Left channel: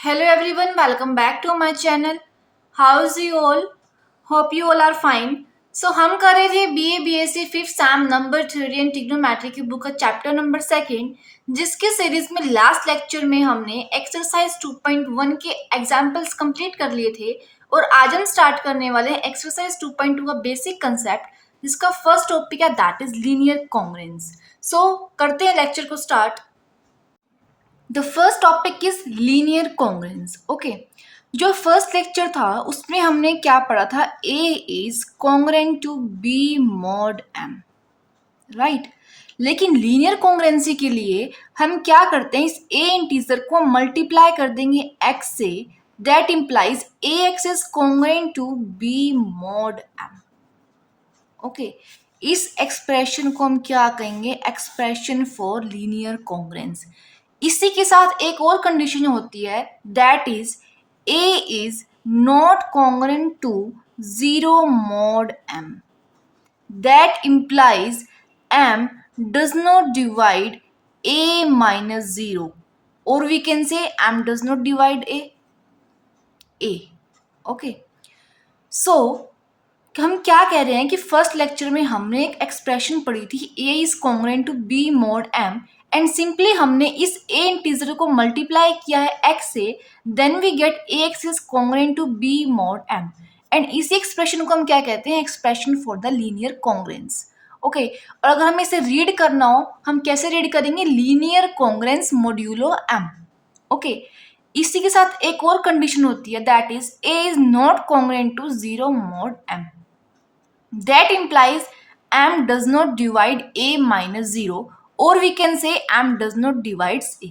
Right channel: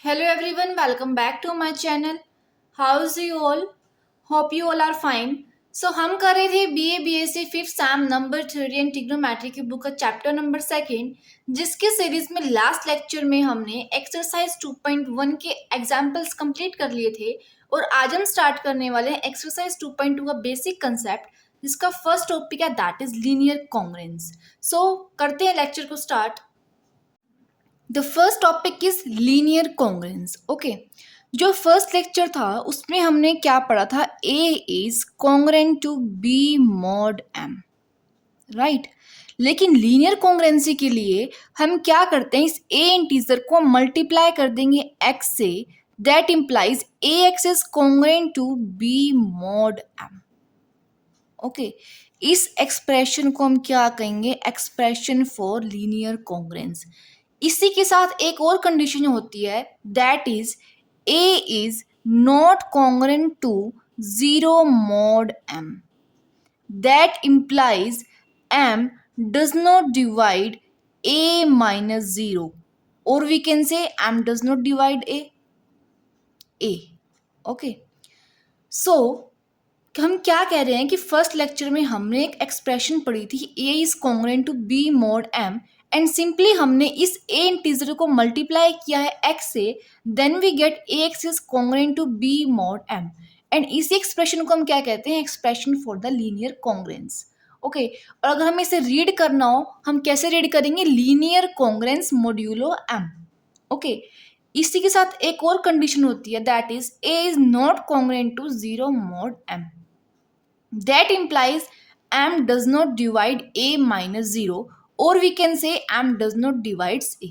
Hello everyone, welcome back to my channel. How's you all? Hope you all are fine. So हम कर रहे थे BA BSc fifth Sam number theory and trigonometry की book का chapter number second, जिसके series में last lecture में हमने एक्सरसाइज 2.1 के एग्जाम्पल्स कंप्लीट कर लिए थे और आज हम स्टार्ट करने वाले हैं एक्सरसाइज 2.2 का बेसिक कंसेप्ट, जिसका फर्स्ट टॉपिक है that is linear congruence. So करते हैं लेक्चर को start. The first topic is linear congruence. Okay, जो फर्स्ट लेक्चर था उसमें हमने क्या पढ़ा था? A is congruent to B mod M, right. लेकिन लीनियर कॉन्ग्रुएंसी के लिए हम क्या करते हैं? इस ए इंटीजर को मल्टीप्लाई कर देंगे एक्स से. That implies A x is congruent to B mod M. Okay, इस एक्सप्रेशन को हम क्या कहेंगे? Expression for linear congruence. इसी के साथ एक और कंडीशन होती है that is A is not congruent to zero mod M. That implies M does not divide A minus zero, और we can say M does not divide A. Okay, so हम क्या कह रहे हैं कि फर्स्ट लेक्चर में हमने एक एक्सप्रेशन पढ़ी थी A is congruent to B mod M, and simply हमने इस ए इंटीजर को मल्टीप्लाई किया है एक्स से. Then we get a x is congruent to B mod M, and इसी एक्सप्रेशन को हम क्या कहते हैं? Expression for the linear congruence. Okay, और अगर हमें इसे रीड करना हो, हम कैसे रीड करेंगे? Linear congruence modulo m. Okay, इसी के साथ एक और कंडीशन होती है that is A is not congruent to zero mod m. That implies m does not divide a minus 0, or we can say m does not divides a.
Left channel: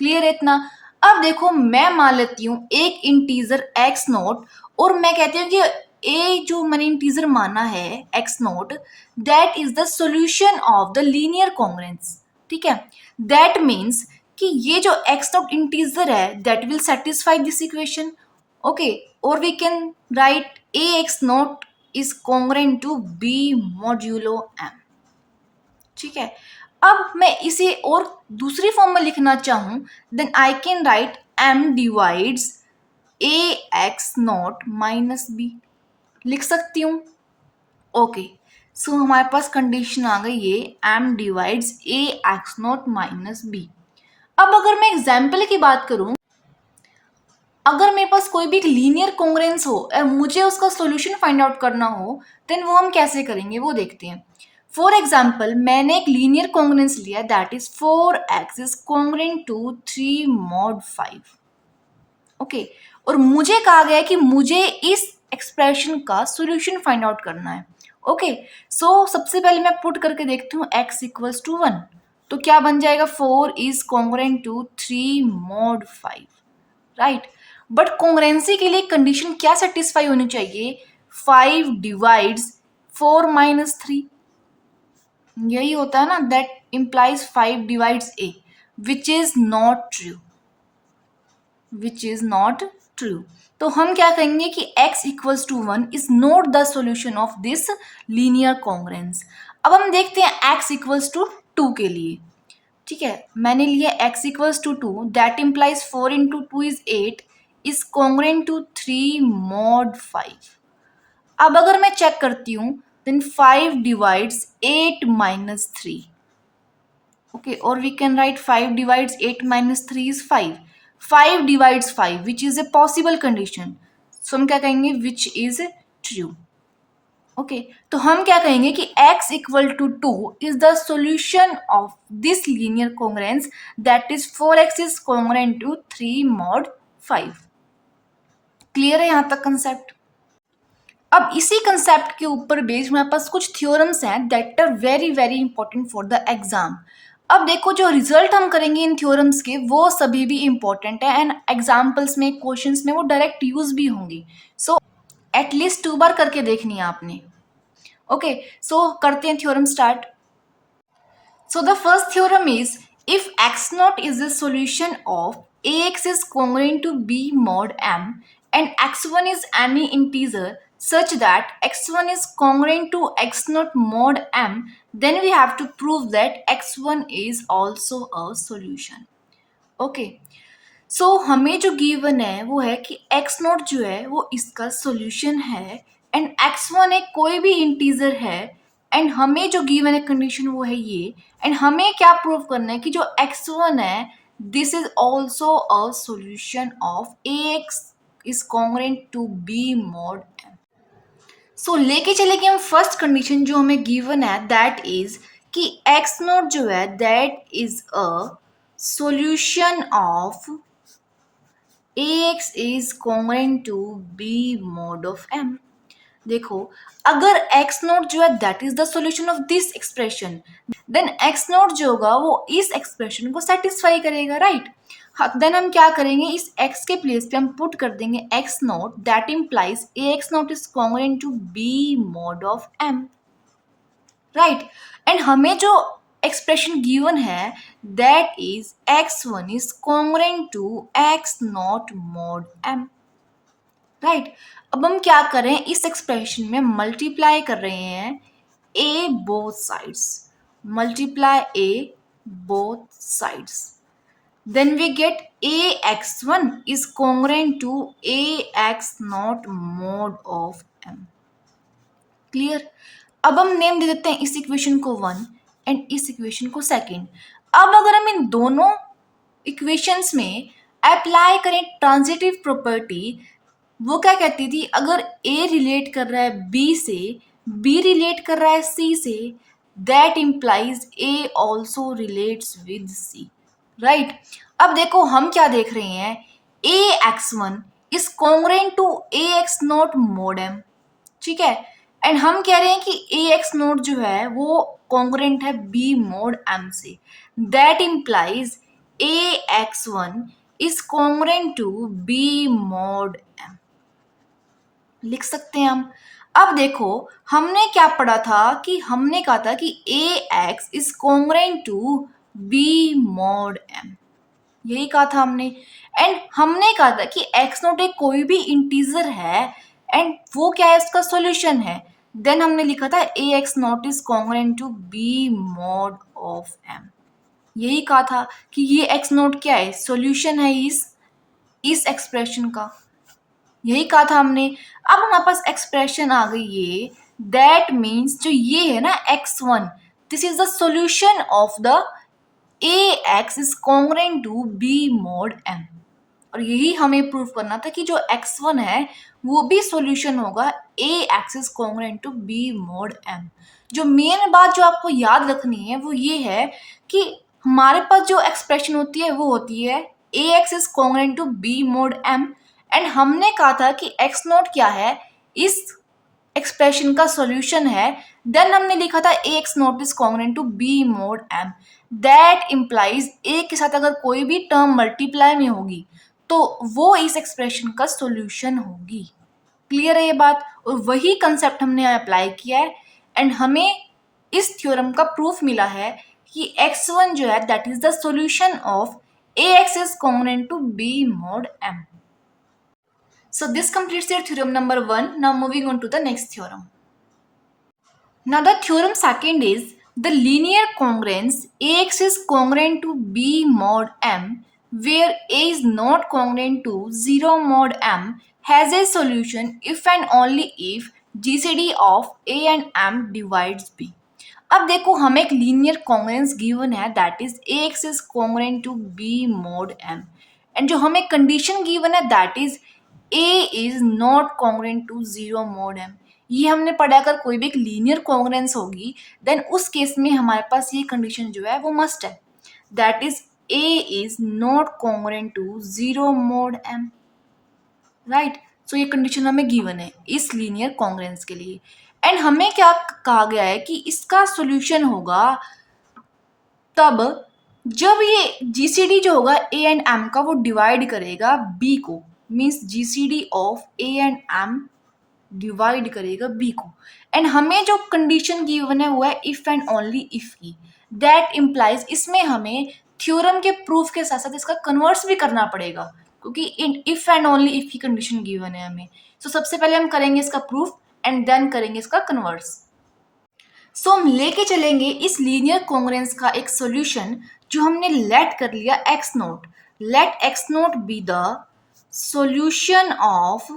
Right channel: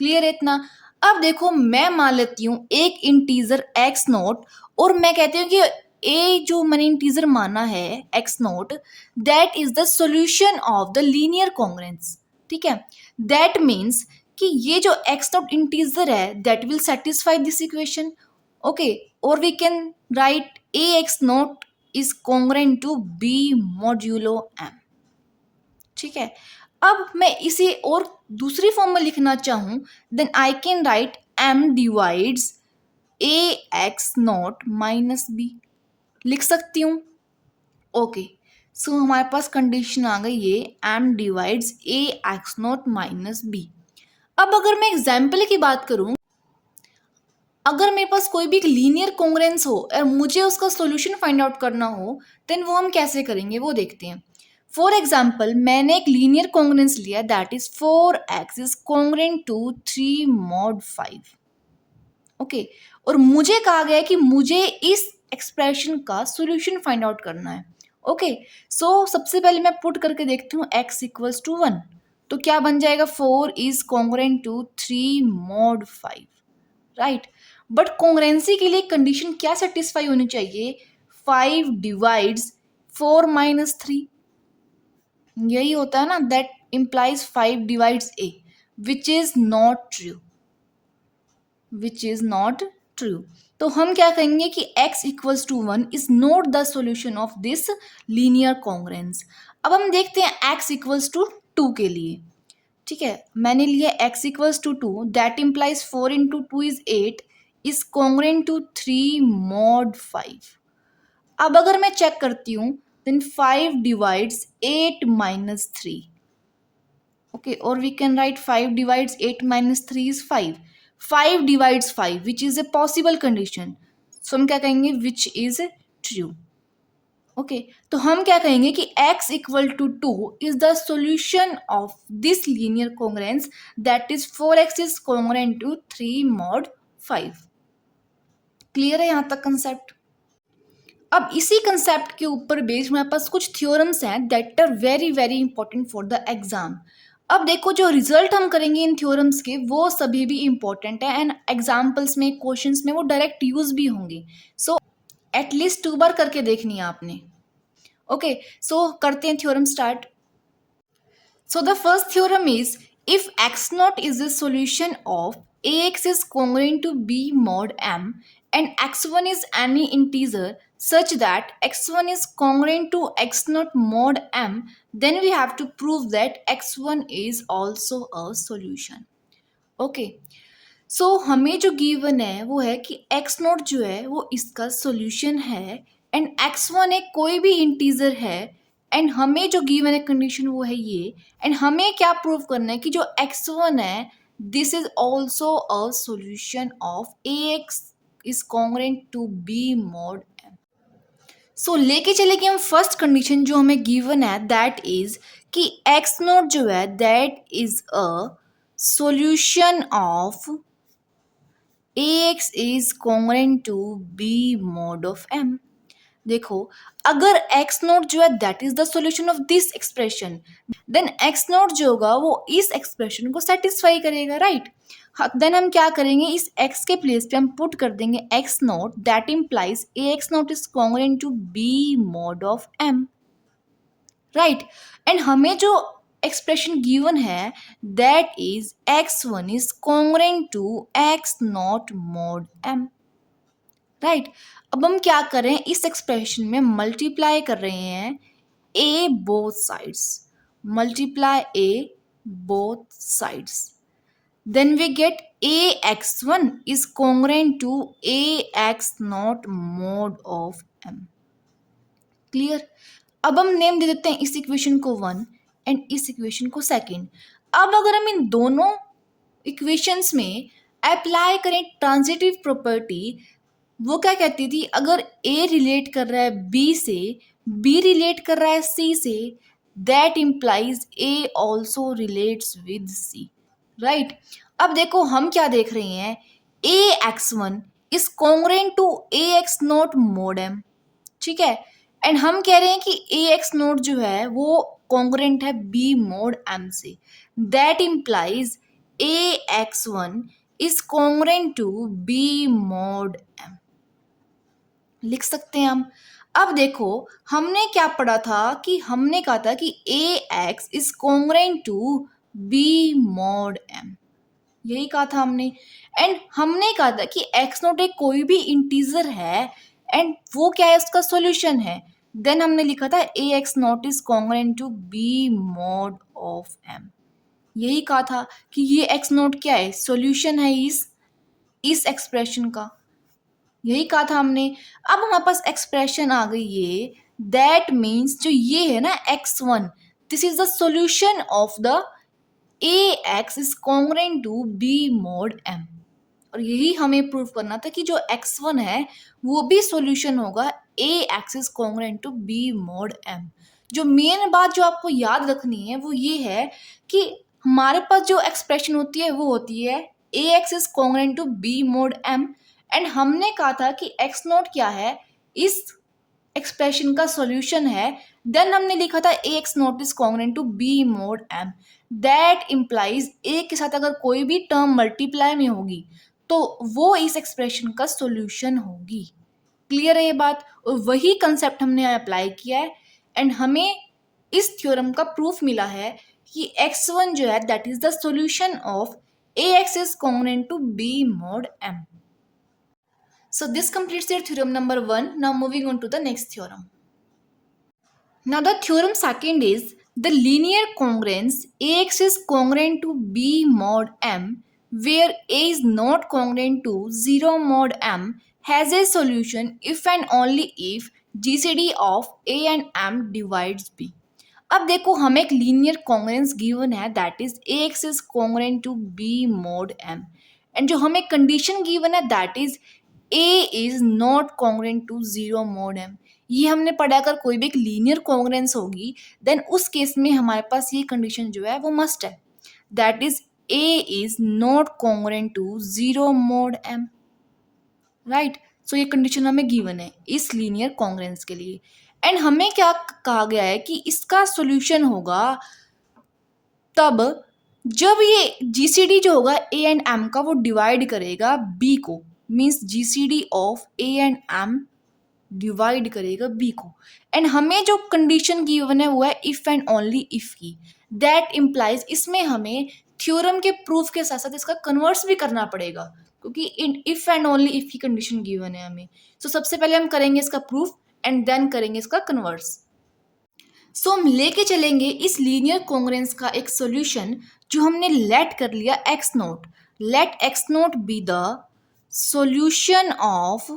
Clear है इतना? अब देखो, मैं मान लेती हूँ एक इंटीजर x नोट, और मैं कहती हूँ कि a जो मैंने इंटीजर माना है x naught, that is the solution of the linear congruence. ठीक है, दैट मीन्स कि ये जो x नोट इंटीजर है that will satisfy this equation. Okay, और we can write a x नोट is congruent to b modulo m. ठीक है, अब मैं इसे और दूसरी फॉर्म में लिखना चाहूं, then I can write m divides a x naught minus b. लिख सकती हूं. ओके, सो हमारे पास कंडीशन आ गई ये m divides a x naught minus b. अब अगर मैं एग्जाम्पल की बात करूं, अगर मेरे पास कोई भी एक लीनियर कॉन्ग्रुएंस हो और मुझे उसका सॉल्यूशन फाइंड आउट करना हो, देन वो हम कैसे करेंगे वो देखते हैं. फॉर एग्जाम्पल, मैंने एक लीनियर कॉन्ग्रुएंस लिया that is 4x is congruent to 3 mod 5. Okay, और मुझे कहा गया कि मुझे इस एक्सप्रेशन का सॉल्यूशन फाइंड आउट करना है. ओके, सो सबसे पहले मैं पुट करके देखती हूँ x इक्वल्स टू 1, तो क्या बन जाएगा? 4 is congruent to 3 mod 5, right. But congruency के लिए कंडीशन क्या सेटिस्फाई होनी चाहिए? 5 डिवाइड्स 4 माइनस 3. यही होता है ना, that implies 5 divides a, which is not true. Which is not true. तो हम क्या कहेंगे कि x equals to 1 is not the solution of this linear congruence. अब हम देखते हैं x इक्वल्स टू 2 के लिए. ठीक है, मैंने लिया x equals to 2, that implies 4 into 2 is 8 is congruent to 3 mod 5. अब अगर मैं चेक करती हूँ, देन 5 डिवाइड्स 8 माइनस 3. ओके, और we can write 5 divides 8 minus 3 is 5. 5 divides 5 which is a possible condition, so हम क्या कहेंगे? Which is true. ओके, तो हम क्या कहेंगे कि x equal to 2 is the solution of this linear congruence, that is 4x is congruent to 3 mod 5. Clear है यहाँ तक कंसेप्ट? अब इसी कंसेप्ट के ऊपर बेस्ड हमारे पास कुछ थ्योरम्स हैं that are very very important for the exam. अब देखो, जो रिजल्ट हम करेंगे इन थ्योरम्स के वो सभी भी इंपॉर्टेंट है, एंड एग्जाम्पल्स में, क्वेश्चंस में वो डायरेक्ट यूज भी होंगे. सो एटलीस्ट 2 बार करके देखनी है आपने. ओके, सो करते हैं theorem start. So the first theorem is, if x naught is the solution of ax is congruent to b mod m and x1 is any integer such that x1 is congruent to x naught mod m, then we have to prove that x1 is also a solution. Okay. सो हमें जो given है वो है कि x naught जो है वो इसका सॉल्यूशन है एंड एक्स वन एक कोई भी इंटीजर है एंड हमें जो गिवन है कंडीशन वो है ये एंड हमें क्या प्रूव करना है कि जो एक्स वन है this is also a solution of A x is congruent to B mod M. So लेके चलेंगे हम फर्स्ट कंडीशन जो हमें गिवन है दैट इज कि एक्स नॉट जो है that is a solution of ax is congruent to b mod of m। देखो अगर x नोट जो है that is the solution of this expression then x naught जो होगा वो इस एक्सप्रेशन को सेटिस्फाई करेगा राइट। देन हम क्या करेंगे इस x के प्लेस पे हम पुट कर देंगे x naught that implies ax naught is congruent to b mod of m right. And हमें जो एक्सप्रेशन गिवन है that is x1 is congruent to x naught mod m right. अब हम क्या करें इस एक्सप्रेशन में मल्टीप्लाई कर रहे हैं a both sides multiply a both sides then we get ax1 is congruent to ax naught mod of m। Clear. अब हम नेम दे देते हैं इस इक्वेशन को 1 एंड इस इक्वेशन को सेकंड। अब अगर हम इन दोनों इक्वेशंस में अप्लाई करें ट्रांजिटिव प्रॉपर्टी वो क्या कहती थी अगर ए रिलेट कर रहा है बी से बी रिलेट कर रहा है सी से that implies A also relates with C right. अब देखो हम क्या देख रहे हैं A x one is congruent to A x naught mod M ठीक है एंड हम कह रहे हैं कि ए एक्स नोट जो है वो कॉन्ग्रुएंट है बी मोड एम से that implies A x one is congruent to B mod m लिख सकते हैं हम। अब देखो हमने क्या पढ़ा था कि हमने कहा था कि A x is congruent to B mod M यही कहा था हमने एंड हमने कहा था कि एक्स नोट एक कोई भी इंटीजर है एंड वो क्या है इसका सॉल्यूशन है देन हमने लिखा था A x naught is congruent to B mod of M यही कहा था कि ये एक्स नोट क्या है सॉल्यूशन है इस एक्सप्रेशन का यही कहा था हमने। अब हमारे पास एक्सप्रेशन आ गई ये दैट मीन्स जो ये है ना x one this is the solution of the a x is congruent to B mod m और यही हमें प्रूव करना था कि जो x1 है वो भी सॉल्यूशन होगा A x is congruent to B mod m। जो मेन बात जो आपको याद रखनी है वो ये है कि हमारे पास जो एक्सप्रेशन होती है वो होती है ए x is congruent to B mod m and हमने कहा था कि x नोट क्या है इस एक्सप्रेशन का सॉल्यूशन है देन हमने लिखा था A x naught is congruent to B mod m that implies A के साथ अगर कोई भी टर्म मल्टीप्लाई में होगी तो वो इस एक्सप्रेशन का सॉल्यूशन होगी। क्लियर है ये बात और वही कंसेप्ट हमने अप्लाई किया है एंड हमें इस थ्योरम का प्रूफ मिला है कि x1 जो है that is the solution of ax is congruent to b mod m। So this completes your theorem number 1. Now moving on to the next theorem. Now the theorem second is the linear congruence ax is congruent to b mod m where a is not congruent to 0 mod m has a solution if and only if GCD of a and m divides b। अब देखो हमें एक linear congruence given है that is ax is congruent to b mod m and जो हमें condition given है that is a is not congruent to 0 mod m। ये हमने पढ़ा अगर कोई भी एक लीनियर कॉन्ग्रुएंस होगी देन उस केस में हमारे पास ये कंडीशन जो है वो मस्ट है that is a is not congruent to 0 mod m right. So ये कंडीशन हमें गिवन है इस लीनियर कॉन्ग्रुएंस के लिए एंड हमें क्या कहा गया है कि इसका सॉल्यूशन होगा तब जब ये जीसीडी जो होगा ए एंड एम का वो डिवाइड करेगा बी को means GCD of A and m divide करेगा बी को एंड हमें जो कंडीशन गिवन है वो है इफ एंड ओनली इफ की दैट इम्प्लाइज इसमें हमें थ्योरम के प्रूफ के साथ साथ इसका कन्वर्स भी करना पड़ेगा क्योंकि in if and only if की कंडीशन गिवन है हमें। सो सबसे पहले हम करेंगे इसका प्रूफ एंड देन करेंगे इसका कन्वर्स। सो हम लेके चलेंगे इस लीनियर कॉन्ग्रुएंस का एक सॉल्यूशन जो हमने लेट कर लिया x note let x naught be the solution of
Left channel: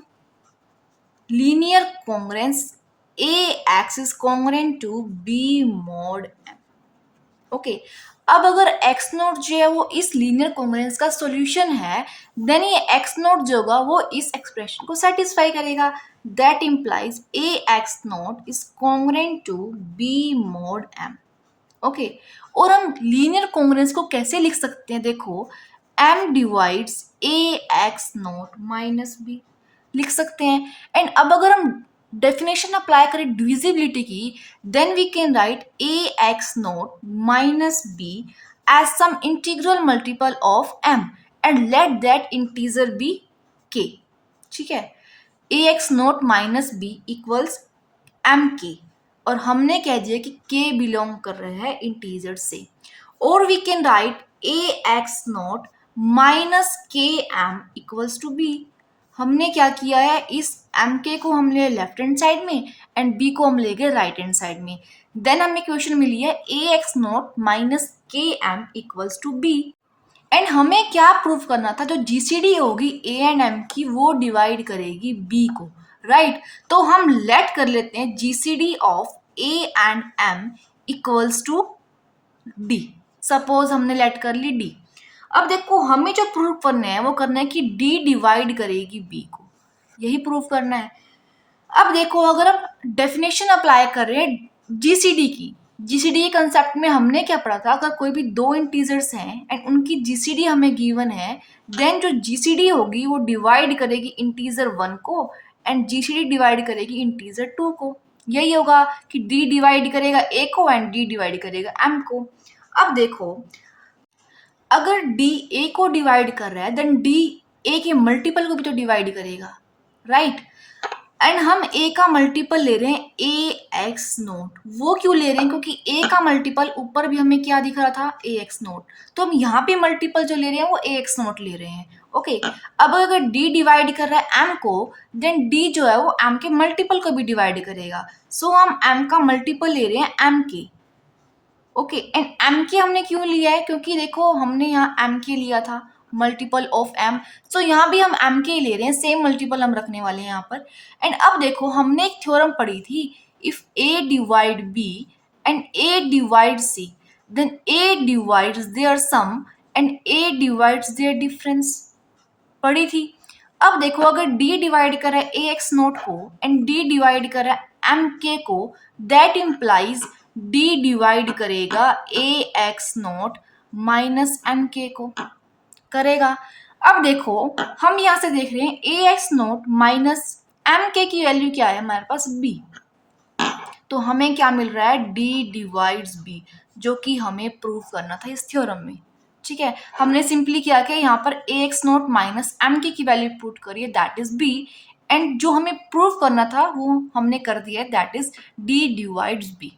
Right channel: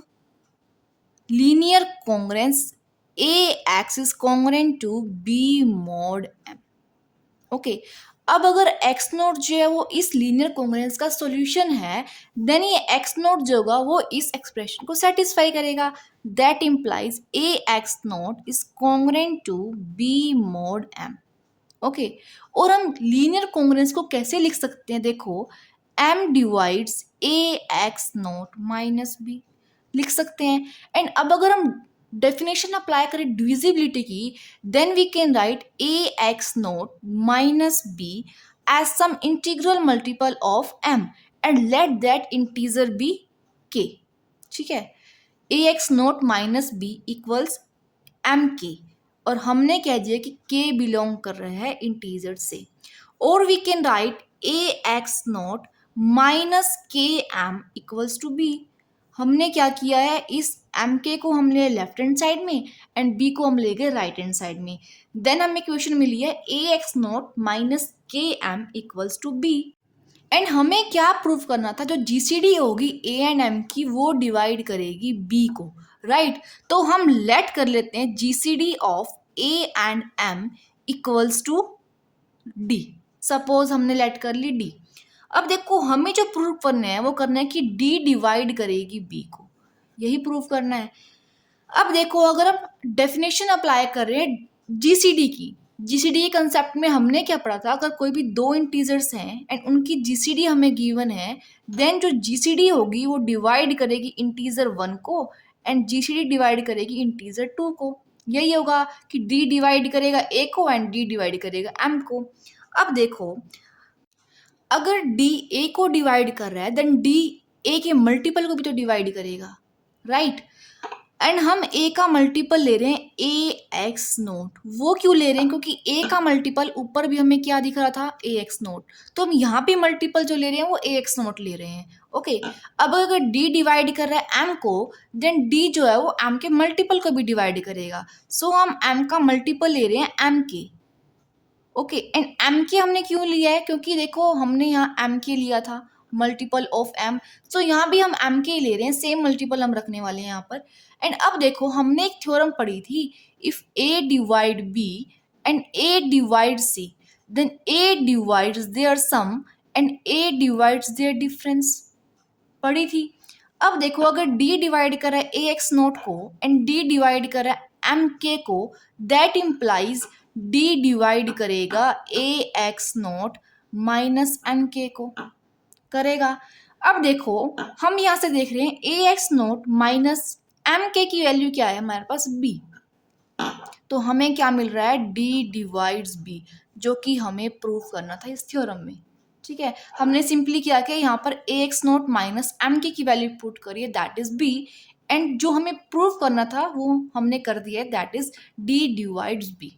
linear congruence ax is congruent to b mod m. Okay अब अगर एक्स नोट जो है वो इस लीनियर कॉन्ग्रुएंस का सॉल्यूशन है, देन ये एक्स नोट जो होगा वो इस एक्सप्रेशन को सेटिस्फाई करेगा. That implies a x naught is congruent to B mod m. Okay और हम लीनियर कॉन्ग्रुएंस को कैसे लिख सकते हैं, देखो M divides A x naught minus B लिख सकते हैं. एंड अब अगर हम डेफिनेशन अप्लाई करें डिविजिबिलिटी की, then we can write A x naught minus B as some integral multiple of M and let that integer be K. ठीक है, ए x naught minus B equals M K और हमने कह दिया कि के बिलोंग कर रहे हैं इंटीजर से. और we can write A x naught minus k m equals to b. हमने क्या किया है, इस एम के को हम ले लेफ्ट हैंड साइड में एंड बी को हम ले गए राइट हैंड साइड में. देन हमें इक्वेशन मिली है ए x naught minus k m equals to b. And हमें क्या प्रूव करना था, जो जीसीडी होगी ए एंड एम की वो डिवाइड करेगी बी को, राइट. तो हम लेट कर लेते हैं GCD of A and M equals to d. Suppose हमने लेट कर ली डी. अब देखो हमें जो प्रूव करना है वो करना है कि डी डिवाइड करेगी बी को, यही प्रूव करना है. अब देखो अगर हम डेफिनेशन अप्लाई कर रहे हैं जीसीडी की, जीसीडी के कंसेप्ट में हमने क्या पढ़ा था, अगर कोई भी दो इंटीजर्स हैं एंड उनकी जीसीडी हमें गिवन है, देन जो जीसीडी होगी वो डिवाइड करेगी इंटीजर 1 को एंड जीसीडी डिवाइड करेगी इंटीजर 2 को. यही होगा कि डी डिवाइड करेगा ए को एंड डी डिवाइड करेगा एम को. अब देखो अगर डी ए को डिवाइड कर रहा है देन डी ए के मल्टीपल को भी तो डिवाइड करेगा, राइट. एंड हम ए का मल्टीपल ले रहे हैं ए एक्स नोट. वो क्यों ले रहे हैं, क्योंकि ए का मल्टीपल ऊपर भी हमें क्या दिख रहा था, ए एक्स नोट. तो हम यहाँ पे मल्टीपल जो ले रहे हैं वो ए एक्स नोट ले रहे हैं. ओके अब अगर डी डिवाइड कर रहा है एम को, देन डी जो है वो एम के मल्टीपल को भी डिवाइड करेगा. सो हम एम का मल्टीपल ले रहे हैं एम के. ओके एंड एम के हमने क्यों लिया है, क्योंकि देखो हमने यहाँ एम के लिया था मल्टीपल ऑफ एम, सो यहाँ भी हम एम के ले रहे हैं, सेम मल्टीपल हम रखने वाले हैं यहाँ पर. एंड अब देखो हमने एक थ्योरम पढ़ी थी, if a divide b and a divide c then a divides their sum and a divides their difference, पढ़ी थी. अब देखो अगर डी डिवाइड कर रहा है ए एक्स नोट को एंड डी डिवाइड कर रहा है एम के को, दैट इम्प्लाइज डी डिवाइड करेगा ए एक्स नोट माइनस एम के को करेगा. अब देखो हम यहाँ से देख रहे हैं A x naught minus M के की वैल्यू क्या है हमारे पास बी. तो हमें क्या मिल रहा है, डी डिवाइड्स बी, जो कि हमें प्रूव करना था इस थ्योरम में. ठीक है, हमने सिंपली क्या किया, यहाँ पर ए एक्स नोट माइनस एम के की वैल्यू पुट करिए, दैट इज बी. एंड जो हमें प्रूव करना था वो हमने कर दिया है, that is d divides b.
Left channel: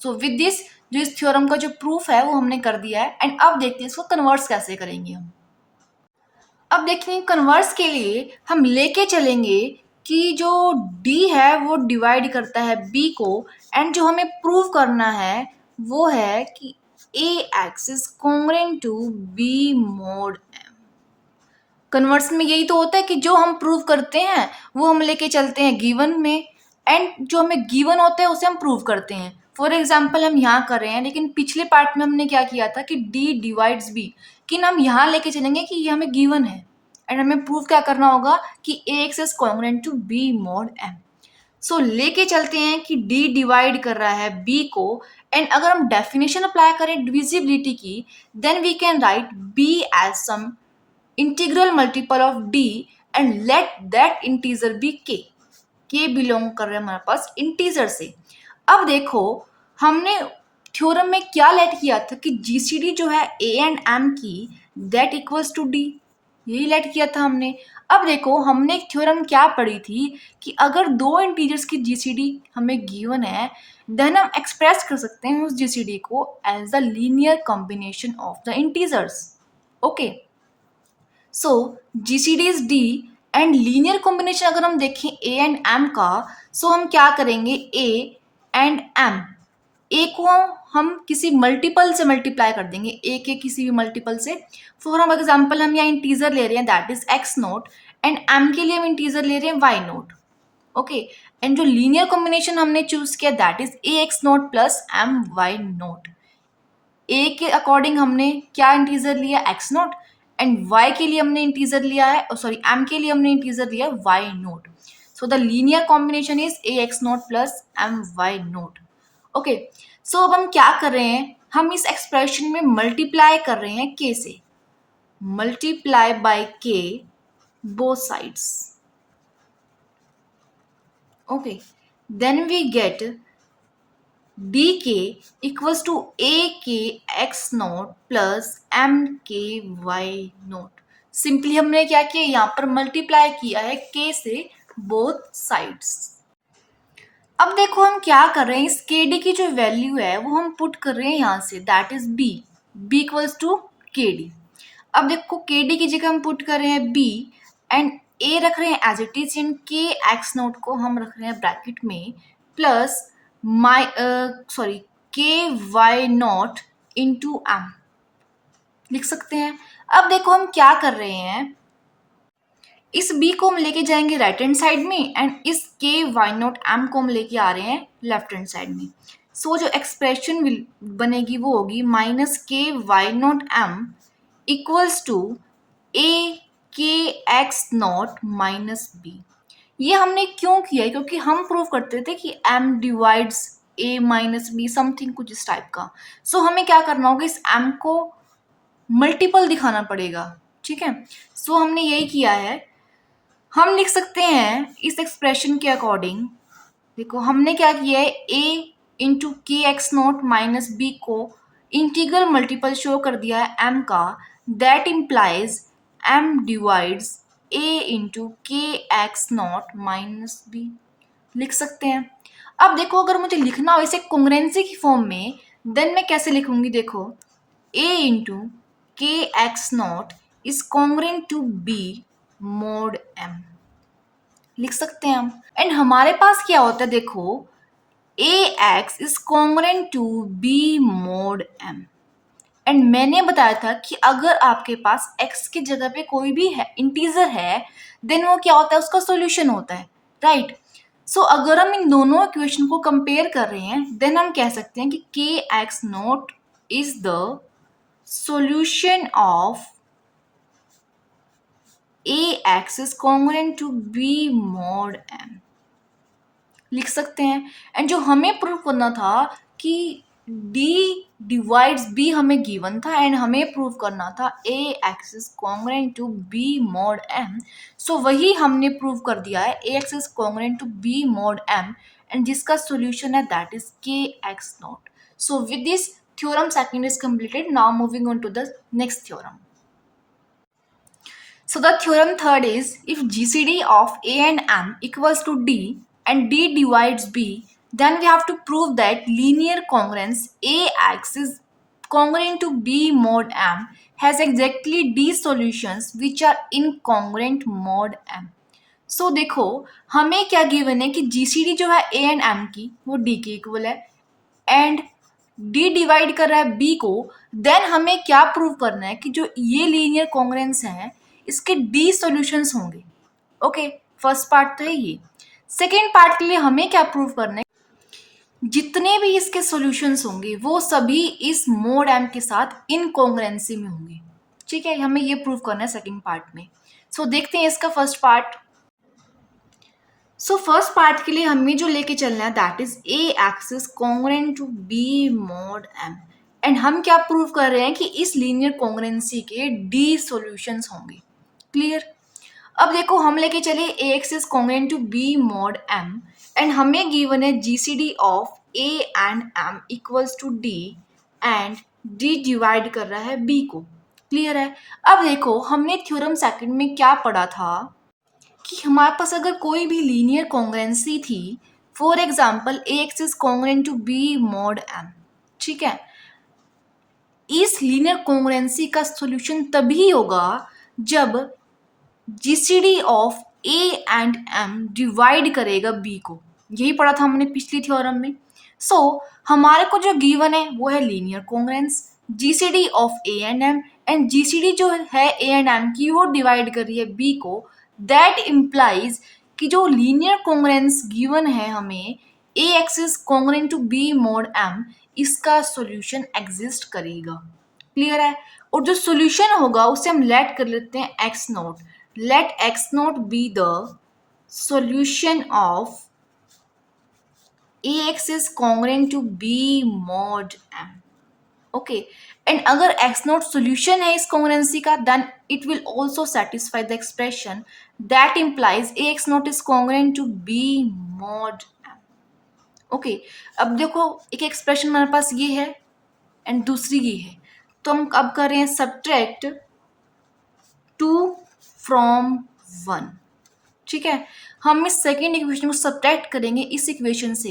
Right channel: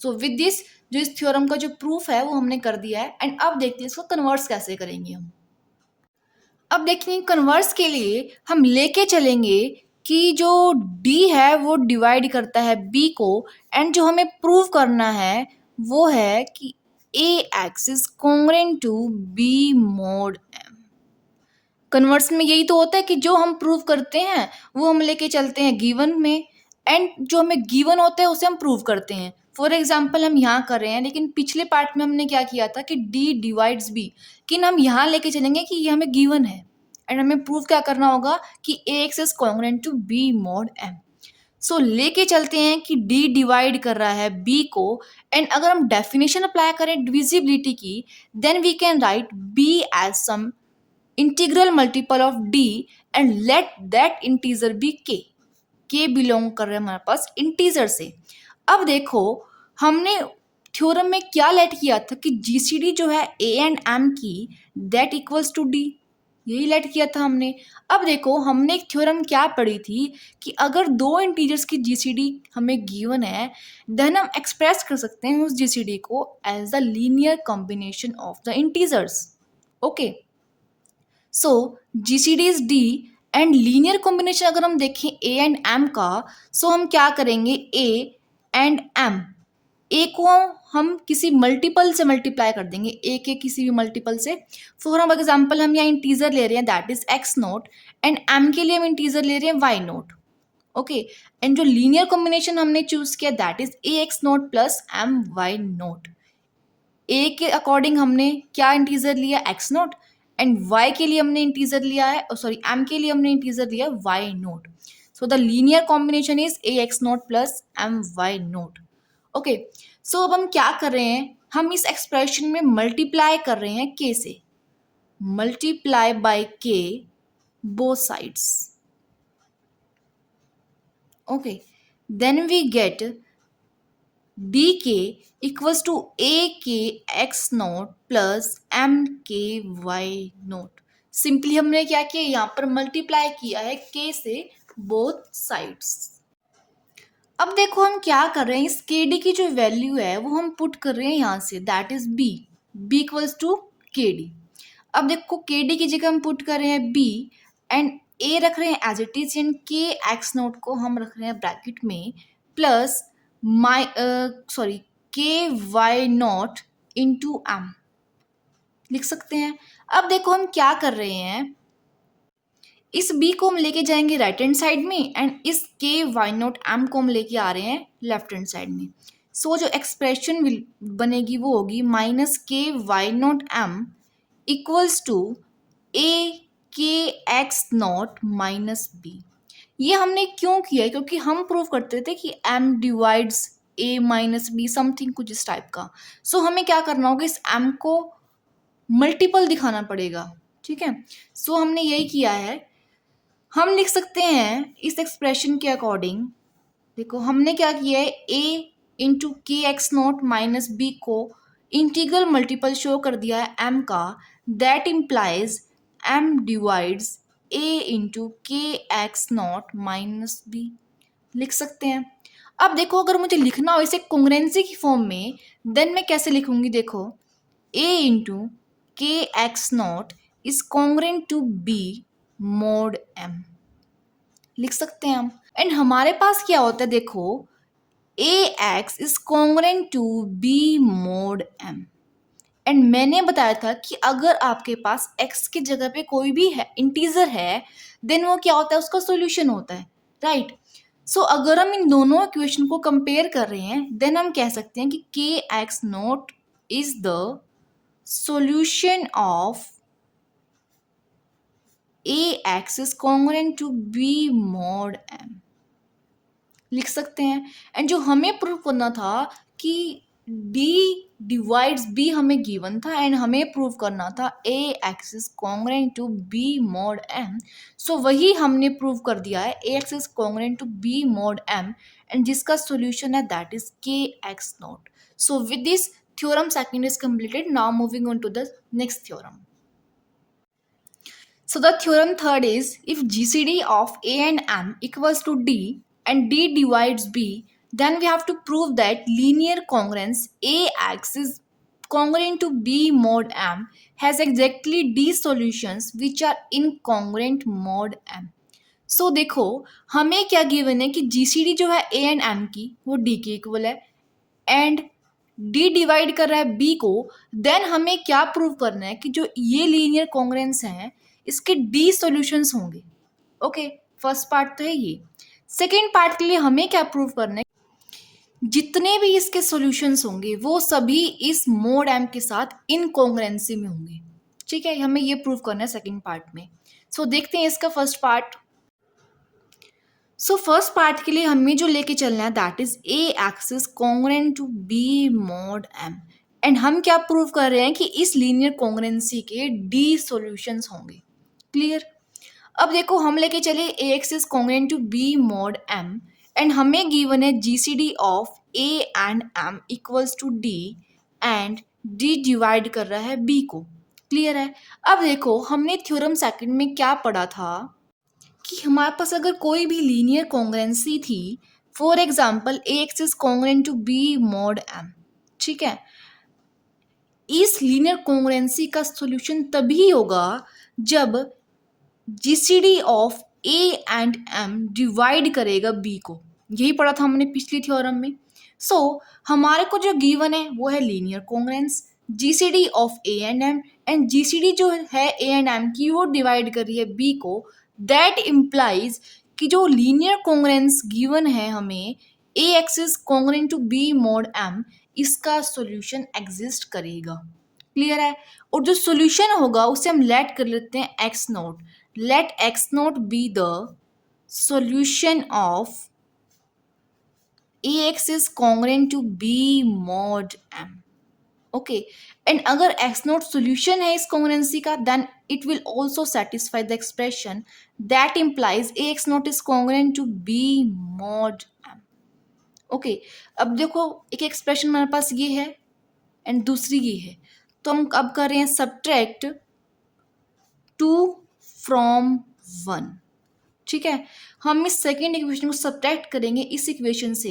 So with this जो इस थ्योरम का जो प्रूफ है वो हमने कर दिया है. एंड अब देखते हैं इसको कन्वर्स कैसे करेंगे हम. अब देखिए कन्वर्स के लिए हम लेके चलेंगे कि जो d है वो डिवाइड करता है b को, एंड जो हमें प्रूव करना है वो है कि a x is congruent to b mod m. Converse में यही तो होता है कि जो हम प्रूव करते हैं वो हम लेके चलते हैं गिवन में, एंड जो हमें गिवन होता है उसे हम प्रूव करते हैं. फॉर एग्जाम्पल हम यहाँ कर रहे हैं, लेकिन पिछले पार्ट में हमने क्या किया था कि d डिवाइड्स b, लेकिन हम यहाँ लेके चलेंगे कि ये हमें गिवन है एंड हमें प्रूव क्या करना होगा कि ax is congruent to b mod m. So लेके चलते हैं कि d डिवाइड कर रहा है b को, एंड अगर हम डेफिनेशन अप्लाई करें डिविजिबिलिटी की, then we can write b as some integral multiple of d and let that integer be k belong कर रहे हैं हमारे पास इंटीजर से. अब देखो हमने थ्योरम में क्या लेट किया था कि जीसीडी जो है ए एंड एम की दैट इक्वल्स टू डी, यही लेट किया था हमने. अब देखो हमने एक थ्योरम क्या पढ़ी थी कि अगर दो इंटीजर्स की जीसीडी हमें गिवन है, देन हम एक्सप्रेस कर सकते हैं उस जीसीडी को as the linear combination of the integers. Okay so GCD is d and linear combination अगर हम देखें ए एंड एम का, सो हम क्या करेंगे, ए एंड एम, ए को हम किसी मल्टीपल से मल्टीप्लाई कर देंगे, ए के किसी भी मल्टीपल से। फॉर एग्जाम्पल हम यहाँ इंटीजर ले रहे हैं that is X naught, and M के लिए हम इंटीजर ले रहे हैं वाई नोट। ओके, एंड जो लीनियर कॉम्बिनेशन हमने चूज किया that is A x naught plus M Y naught. A के अकॉर्डिंग हमने क्या इंटीजर लिया, एक्स नोट, एंड वाई के लिए हमने इंटीजर लिया है, सॉरी एम के लिए हमने इंटीजर लिया Y naught. So the linear combination is A x naught plus M Y naught. Okay, so अब हम क्या कर रहे हैं, हम इस एक्सप्रेशन में मल्टीप्लाई कर रहे हैं के से, multiply by k both sides. Okay, then we get d k equals to ए के x naught plus m k y naught. Simply हमने क्या किया, यहाँ पर मल्टीप्लाई किया है के से बोथ साइड्स। अब देखो हम क्या कर रहे हैं, इस के डी की जो वैल्यू है वो हम पुट कर रहे हैं यहाँ से, that is b, b equals to k d. अब देखो के डी की जगह हम पुट कर रहे हैं बी, एंड ए रख रहे हैं एज इट इज, एंड के एक्स नोट को हम रख रहे हैं ब्रैकेट में, प्लस सॉरी के वाई नॉट इंटू एम लिख सकते हैं। अब देखो हम क्या कर रहे हैं, इस b को हम लेके जाएंगे राइट हैंड साइड में, एंड इस के वाई नॉट एम को हम लेके आ रहे हैं लेफ्ट हैंड साइड में। सो जो एक्सप्रेशन बनेगी वो होगी minus K Y naught M equals to ए के एक्स नॉट माइनस बी। ये हमने क्यों किया है, क्योंकि हम प्रूव करते थे कि m divides a minus b, something कुछ इस टाइप का। सो हमें क्या करना होगा, इस m को मल्टीपल दिखाना पड़ेगा, ठीक है। सो हमने यही किया है। हम लिख सकते हैं इस एक्सप्रेशन के अकॉर्डिंग, देखो हमने क्या किया है, a into k x naught minus B को इंटीग्रल मल्टीपल शो कर दिया है m का, that implies m divides a into k x naught minus B लिख सकते हैं। अब देखो अगर मुझे लिखना हो इसे कॉन्ग्रुएंसी की फॉर्म में, देन मैं कैसे लिखूंगी, देखो a into k x naught is congruent to b mod m लिख सकते हैं हम। एंड हमारे पास क्या होता है, देखो ax is congruent to b mod m। And मैंने बताया था कि अगर आपके पास x की जगह पे कोई भी है इंटीजर है, देन वो क्या होता है, उसका सॉल्यूशन होता है, राइट। सो अगर हम इन दोनों इक्वेशन को कंपेयर कर रहे हैं, देन हम कह सकते हैं कि के x naught is the solution of ax is congruent to b mod m लिख सकते हैं। एंड जो हमें प्रूव करना था कि d डिवाइड्स b हमें गिवन था, एंड हमें प्रूव करना था ax is congruent to b mod m। सो वही हमने प्रूव कर दिया है, ax is congruent to b mod m, and जिसका सॉल्यूशन है that is k x naught. So with this theorem second is completed. Now moving on to the next theorem. So the theorem third is, if GCD of A and M equals to D and D divides B, then we have to prove that linear congruence AX is congruent to B mod M has exactly D solutions which are incongruent mod M. So देखो हमें क्या given है कि GCD जो है A and M की वो D के इक्वल है, एंड D डिवाइड कर रहा है B को, देन हमें क्या प्रूव करना है कि जो ये लीनियर कॉन्ग्रुएंस है इसके D सॉल्यूशंस होंगे। ओके, फर्स्ट पार्ट तो है ये। सेकेंड पार्ट के लिए हमें क्या प्रूव करना है, जितने भी इसके सॉल्यूशंस होंगे वो सभी इस मोड M के साथ इनकॉन्ग्रुएंसी में होंगे, ठीक है। हमें ये प्रूव करना है सेकेंड पार्ट में। सो देखते हैं इसका first part. So first part के लिए हमें जो लेके चलना है that is A x is congruent to B mod M, and हम क्या प्रूव कर रहे हैं कि इस लीनियर कॉन्ग्रुएंसी के डी सॉल्यूशंस होंगे। क्लियर। अब देखो हम लेके चले A x is congruent to B mod M, and हमें गिवन है GCD of A and M equals to D, and D divide कर रहा है बी को। क्लियर है। अब देखो हमने थ्योरम सेकंड में क्या पढ़ा था कि हमारे पास अगर कोई भी लीनियर कॉन्ग्रुएंसी थी, for example a x is congruent to B mod M, ठीक है, इस लीनियर कॉन्ग्रुएंसी का सॉल्यूशन तभी होगा जब GCD of A and m divide करेगा बी को। यही पढ़ा था हमने पिछली थ्योरम में। सो हमारे को जो गिवन है वो है linear congruence, GCD of A and GCD जो है ए एंड एम की वो डिवाइड कर रही है बी को। दैट इम्प्लाइज कि जो लीनियर कॉन्ग्रुएंस गिवन है हमें A x is congruent to B mod M, इसका सॉल्यूशन एग्जिस्ट करेगा। क्लियर है? और जो सॉल्यूशन होगा उसे हम लेट कर लेते हैं x naught. Let x naught be the solution of ax is congruent to b mod m. Okay, and अगर x नोट सोल्यूशन है इस कॉन्ग्रुएंसी का, then it will also satisfy the expression that implies ax naught is congruent to b mod m. Okay, अब देखो एक expression हमारे पास ये है एंड दूसरी ये है, तो हम अब कर रहे हैं सब्ट्रैक्ट 2 फ्रॉम 1। ठीक है, हम इस सेकेंड इक्वेशन को सब्ट्रैक्ट करेंगे इस इक्वेशन से,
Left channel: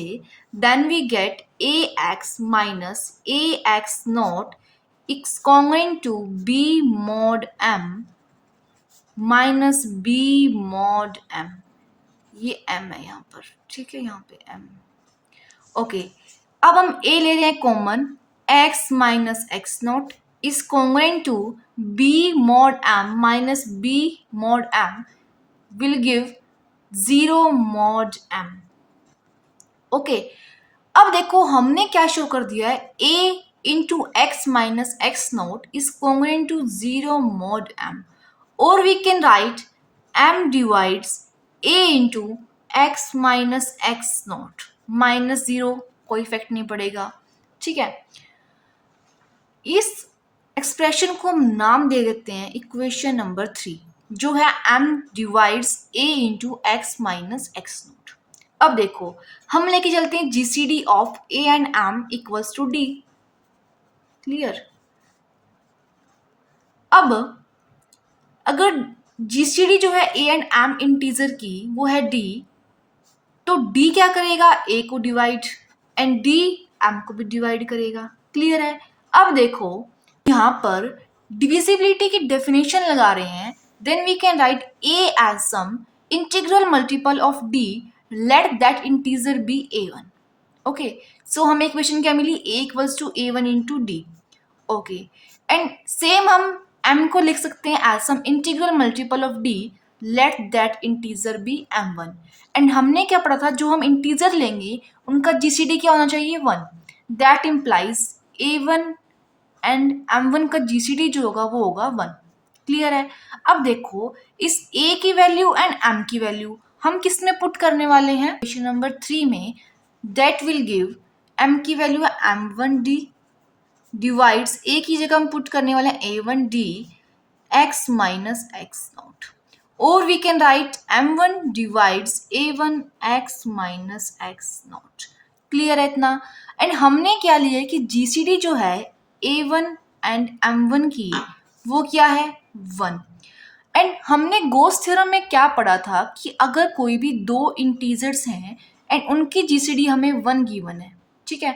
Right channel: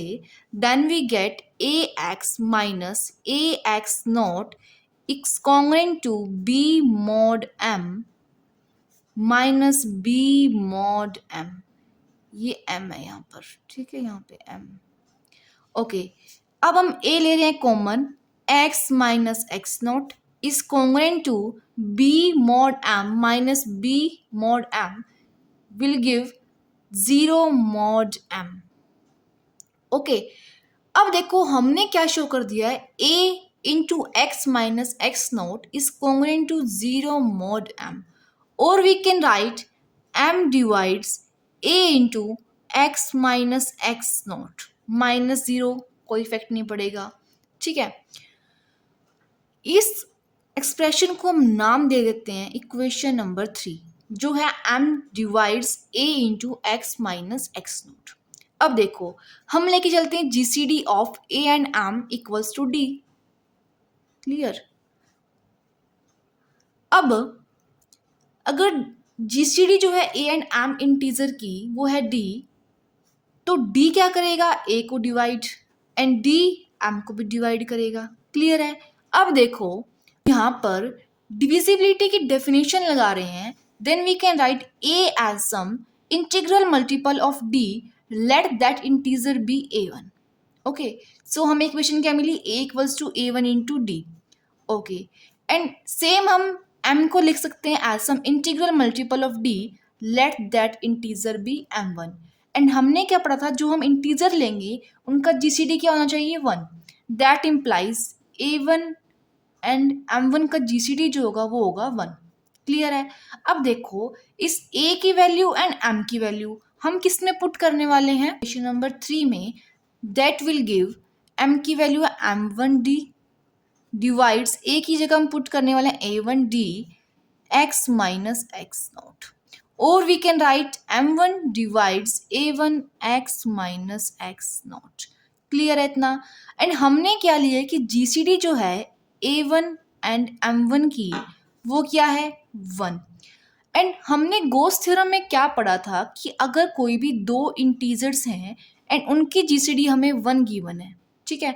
then we get a x minus a x naught is congruent to B mod m minus b mod m. ये m है यहाँ पर, ठीक है, यहाँ पे m। ओके, अब हम a ले रहे हैं common, x minus x naught is congruent to b mod m minus b mod m will give 0 mod m। Okay, अब देखो हमने क्या शो कर दिया है, a into x minus x naught is congruent to 0 mod m, और we can write m divides a into x minus x naught minus 0, कोई effect नहीं पड़ेगा। ठीक है, इस एक्सप्रेशन को हम नाम दे देते हैं इक्वेशन नंबर 3, जो है m divides a into x minus x naught. अब देखो हम लेके चलते हैं GCD of a and m equals to d। Clear? अब अगर जीसीडी जो है a एंड m इंटीजर की वो है d, तो d क्या करेगा, a को डिवाइड एंड d m को भी डिवाइड करेगा। क्लियर है? अब देखो यहाँ पर डिविजिबिलिटी की डेफिनेशन लगा रहे हैं, then we can write a as some integral multiple of d, let that integer be a1। Okay, so हमें इक्वेशन क्या मिली, a equals to a1 into d। Okay, and same हम m को लिख सकते हैं as some integral multiple of d, let that integer be m1। And हमने क्या पढ़ा था, जो हम इंटीजर लेंगे उनका जीसीडी क्या होना चाहिए, 1। That implies a1 and m1 का जीसीडी जो होगा वो होगा 1। क्लियर है? अब देखो इस a की वैल्यू एंड m की वैल्यू हम किस में पुट करने वाले हैं, क्वेश्चन नंबर 3 में, दैट विल गिव m की वैल्यू है m1d डिवाइड्स a की जगह हम पुट करने वाले हैं a1d x minus x naught, और we can write m1 divides a1 x minus x naught. Clear है इतना? एंड हमने क्या लिया है कि जीसीडी जो है a1 एंड m1 की वो क्या है, 1। एंड हमने गोस थ्योरम में क्या पढ़ा था कि अगर कोई भी दो इंटीजर्स हैं एंड उनकी जीसीडी हमें 1 गिवन है, ठीक है,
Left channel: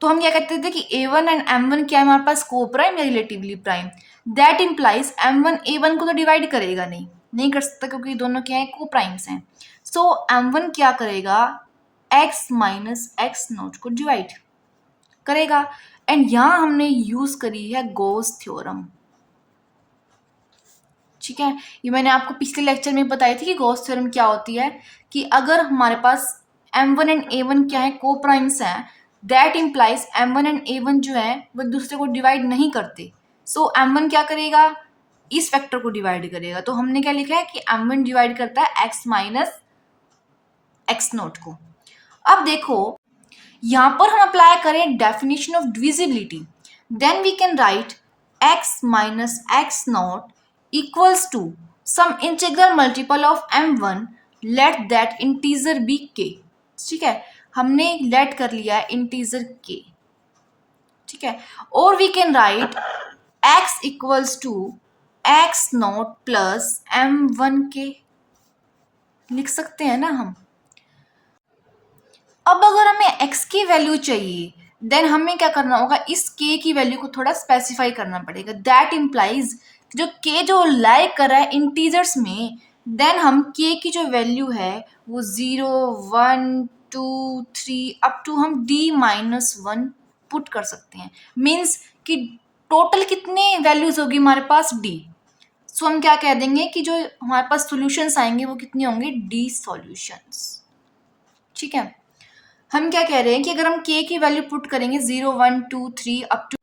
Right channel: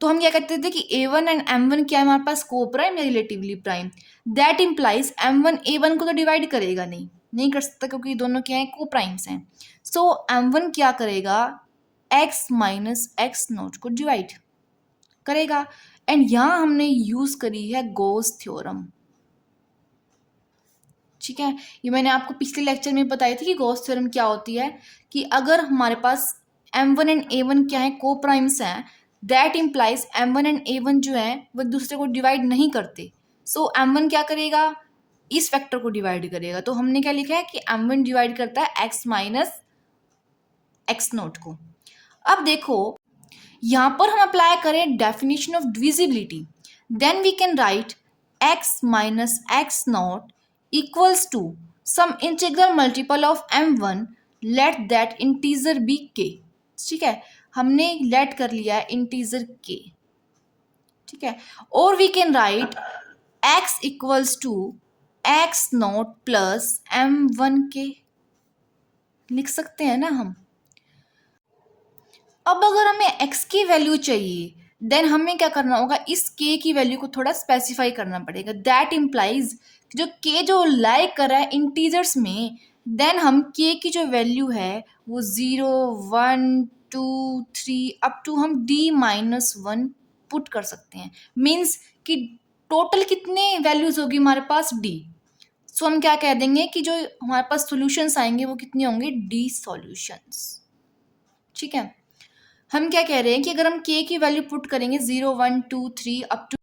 तो हम क्या कहते थे कि a1 एंड m1 क्या है हमारे पास, को प्राइम या relatively prime. That implies m1 a1 को तो डिवाइड करेगा नहीं कर सकता, क्योंकि दोनों क्या है, को प्राइम्स हैं। सो m1 क्या करेगा, x माइनस एक्स नोट को डिवाइड करेगा। एंड यहाँ हमने यूज करी है गॉस थ्योरम। ठीक है, ये मैंने आपको पिछले लेक्चर में बताई थी कि गॉस थ्योरम क्या होती है, कि अगर हमारे पास m1 एंड a1 क्या है, को प्राइम्स हैं, that implies m1 and a1 जो है वो एक दूसरे को डिवाइड नहीं करते। सो m1 क्या करेगा, इस फैक्टर को डिवाइड करेगा। तो हमने क्या लिखा है कि m1 डिवाइड करता है x माइनस एक्स नोट को। अब देखो यहाँ पर हम अप्लाई करें definition of divisibility, then we can write x minus x naught equals to some integral multiple of m1, let that integer be k। ठीक है, हमने लेट कर लिया है इंटीजर k। ठीक है, और we can write x equals to x not plus m1k, लिख सकते हैं ना हम। अब अगर हमें x की वैल्यू चाहिए, देन हमें क्या करना होगा, इस k की वैल्यू को थोड़ा स्पेसिफाई करना पड़ेगा। दैट इम्प्लाइज जो k जो लाई कर रहा है इंटीजर्स में, देन हम k की जो वैल्यू है वो 0, 1, 2 3 अप टू हम d-1 पुट कर सकते हैं। मीन्स कि टोटल कितने वैल्यूज होगी हमारे पास d। सो हम क्या कह देंगे कि जो हमारे पास सॉल्यूशंस आएंगे वो कितने होंगे, d सॉल्यूशंस। ठीक है, हम क्या कह रहे हैं कि अगर हम k की वैल्यू पुट करेंगे 0 1 2 3 अप टू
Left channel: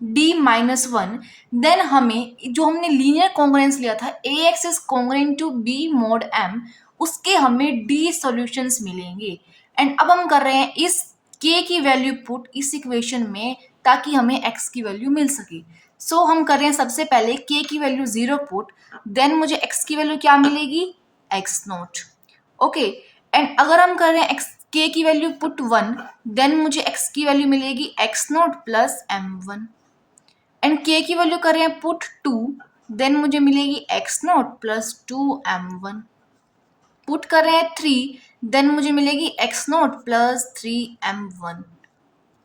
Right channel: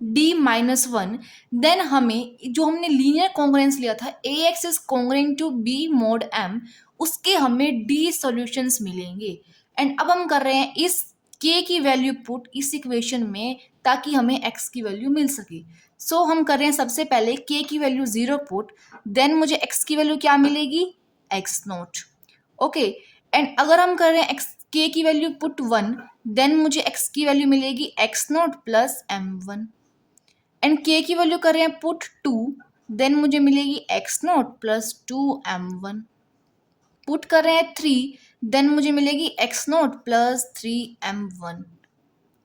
d-1, देन हमें जो हमने लीनियर कॉन्ग्रुएंस लिया था ax is congruent to b mod m, उसके हमें d सॉल्यूशंस मिलेंगे। एंड अब हम कर रहे हैं इस k की वैल्यू पुट इस इक्वेशन में ताकि हमें x की वैल्यू मिल सके। सो हम कर रहे हैं सबसे पहले k की वैल्यू 0 पुट, देन मुझे x की वैल्यू क्या मिलेगी, x0। ओके, एंड अगर हम कर रहे हैं k की वैल्यू पुट 1, देन मुझे x की वैल्यू मिलेगी x0 plus m1। And k की वैल्यू कर रहे हैं पुट 2, देन मुझे मिलेगी x0 प्लस 2m1। पुट कर रहे हैं 3, देन मुझे मिलेगी x0 plus 3m1।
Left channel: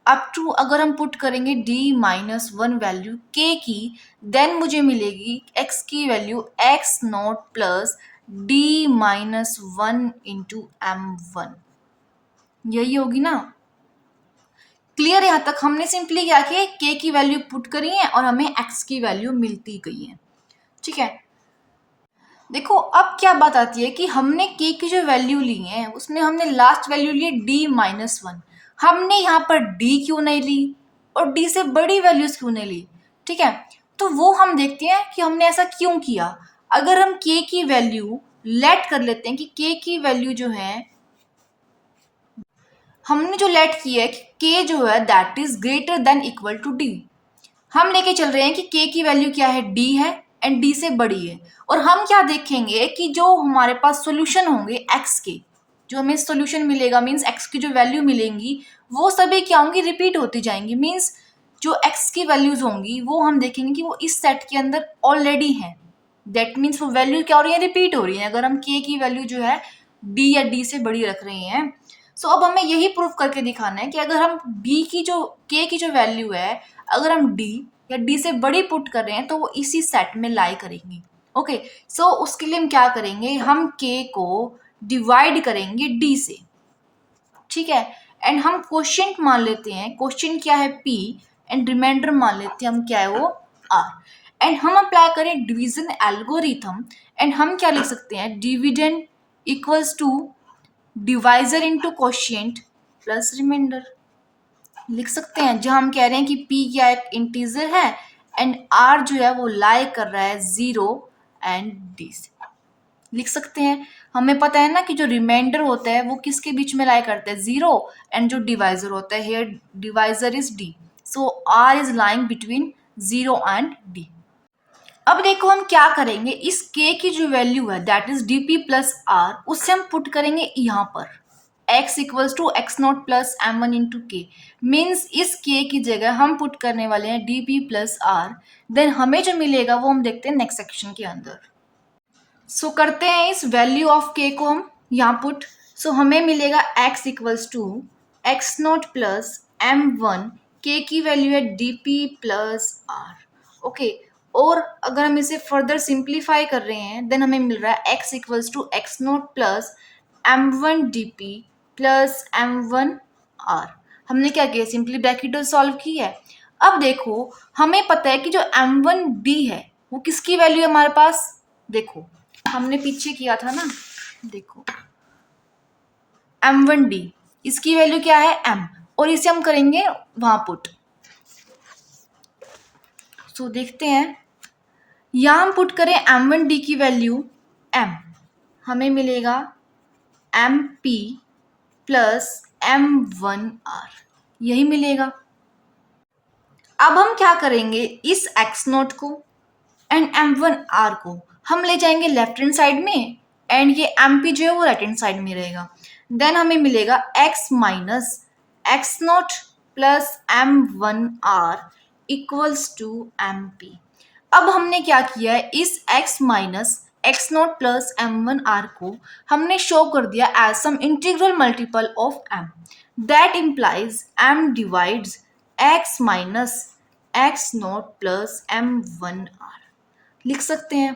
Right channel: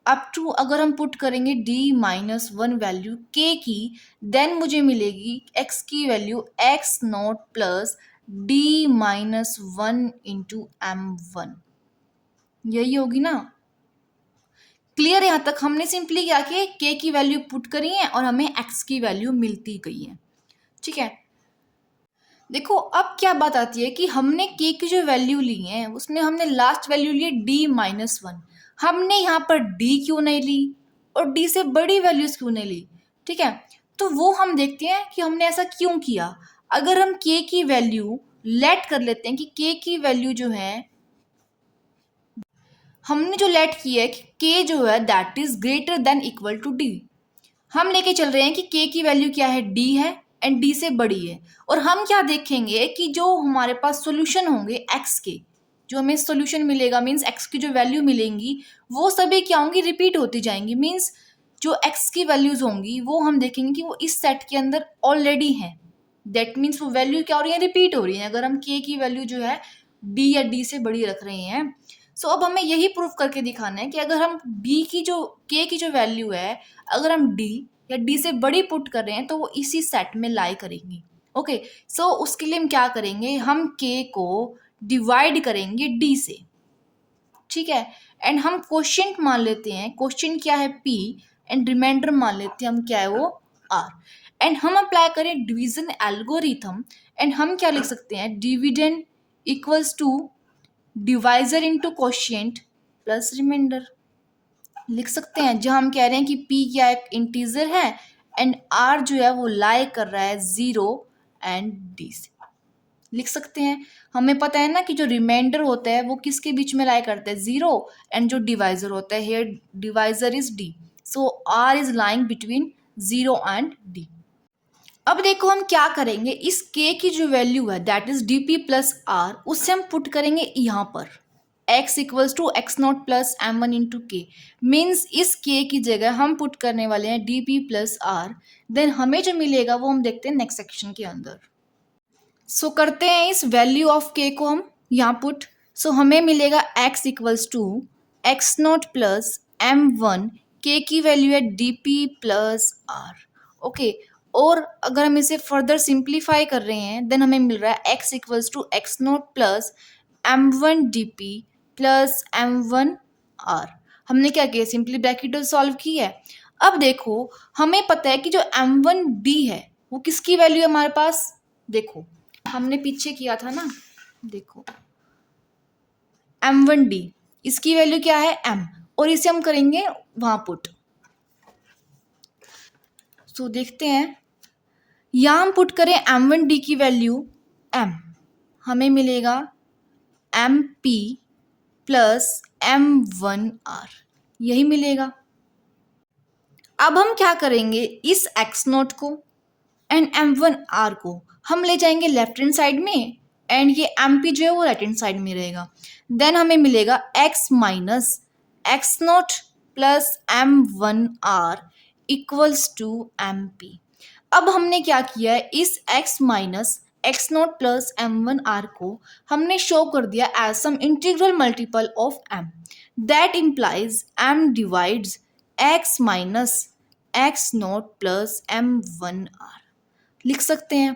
Up to अगर हम पुट करेंगे d-1 वैल्यू k की, देन मुझे मिलेगी x की value x0 plus d-1 into m1। यही होगी ना, क्लियर? यहाँ तक हमने सिंपली क्या किया, k की वैल्यू पुट करी है और हमें x की वैल्यू मिलती गई है। ठीक है, देखो अब क्या बात आती है कि हमने k की जो वैल्यू ली है उसमें हमने लास्ट वैल्यू ली d-1। हमने यहाँ पर d क्यों नहीं ली और d से बड़ी वैल्यूज क्यों नहीं ली? ठीक है, तो वो हम देखते हैं कि हमने ऐसा क्यों किया। अगर हम k की वैल्यू लेट कर लेते हैं कि k की वैल्यू जो है, हमने जो लेट की है कि k जो है that is greater than equal to d। हम लेके चल रहे हैं कि k की वैल्यू क्या है, d है एंड d से बड़ी है। और हम क्या देखेंगे कि जो हमारे पास सॉल्यूशन होंगे x के, जो हमें सॉल्यूशन मिलेगा मींस x की जो वैल्यू मिलेंगी वो सभी क्या होंगी, रिपीट होती जाएंगी। मींस जो x की वैल्यूज होंगी वो हम देखेंगे कि वो इस सेट के अंदर ऑलरेडी है। दैट मीन्स वो वैल्यू क्या हो रही है, रिपीट हो रही है अगर हम k की वैल्यू जो है d या d से बड़ी रख रहे हैं। सो अब हमें यही प्रूफ करके दिखाना है कि अगर हम d की जो k की जो वैल्यू है, अगर हम d या d से बड़ी पुट कर रहे हैं तो वो इसी सेट में लाई करेंगी। ओके, सो उसके लिए हम क्या करेंगे, हम k को डिवाइड करेंगे d से। ठीक है, एंड हम क्वोशिएंट मान लेते हैं, क्वोशिएंट क्या है p, एंड रिमाइंडर मान लेते हैं हम क्या है वो r। एंड हम अप्लाई करें डिवीजन एल्गोरिथम, एंड हम क्या लिख सकते हैं, dividend equals to divisor into quotient plus remainder लिख सकते हैं, जहां हम कह रहे हैं कि p क्या एक इंटीजर है एंड r जो है वो लाई कर रहा है 0 एंड d से। लिख सकते हैं, हमें पता है ना कि जो रिमाइंडर होता है वो किसके बीच में लाई करता है, 0, एंड जो डिवाइजर होता है here divisor is d, so r is lying between 0 and d। अब देखो हम क्या करेंगे, इस k की जो वैल्यू है that is dp plus r, उससे हम पुट करेंगे यहाँ पर x equals to x0 plus m1 into k. Means इस k की जगह हम पुट करने वाले हैं dp प्लस r, देन हमें जो मिलेगा वो हम देखते हैं नेक्स्ट सेक्शन के अंदर। सो करते हैं इस वैल्यू ऑफ k को हम यहाँ पुट। सो हमें मिलेगा x equals to x0 plus m1, k की वैल्यू है dp प्लस r। ओके, और अगर हम इसे फर्दर सिंप्लीफाई कर रहे हैं देन हमें मिल रहा है x equals to x0 plus m1 dp plus m1 r। हमने क्या किया, सिंपली ब्रैकेट सॉल्व की है। अब देखो हमें पता है कि जो m1d है वो किसकी वैल्यू है हमारे पास, देखो हमने पीछे किया था ना, देखो m1d इसकी वैल्यू क्या है m, और इसे हम करेंगे वहां पुट। सो देखते हैं, यहाँ हम पुट करें m1d की वैल्यू m, हमें मिलेगा mp प्लस m1r, यही मिलेगा। अब हम क्या करेंगे, इस x0 को एंड m1r को हम ले जाएंगे लेफ्ट हैंड साइड में, एंड ये mp जो है वो राइट हैंड साइड में रहेगा। देन हमें मिलेगा x minus x0 plus m1r equals to mp। अब हमने क्या किया है, इस x minus x0 plus m1r को हमने शो कर दिया as some integral multiple of m, that implies m divides x minus x0 plus m1r। लिख सकते हैं।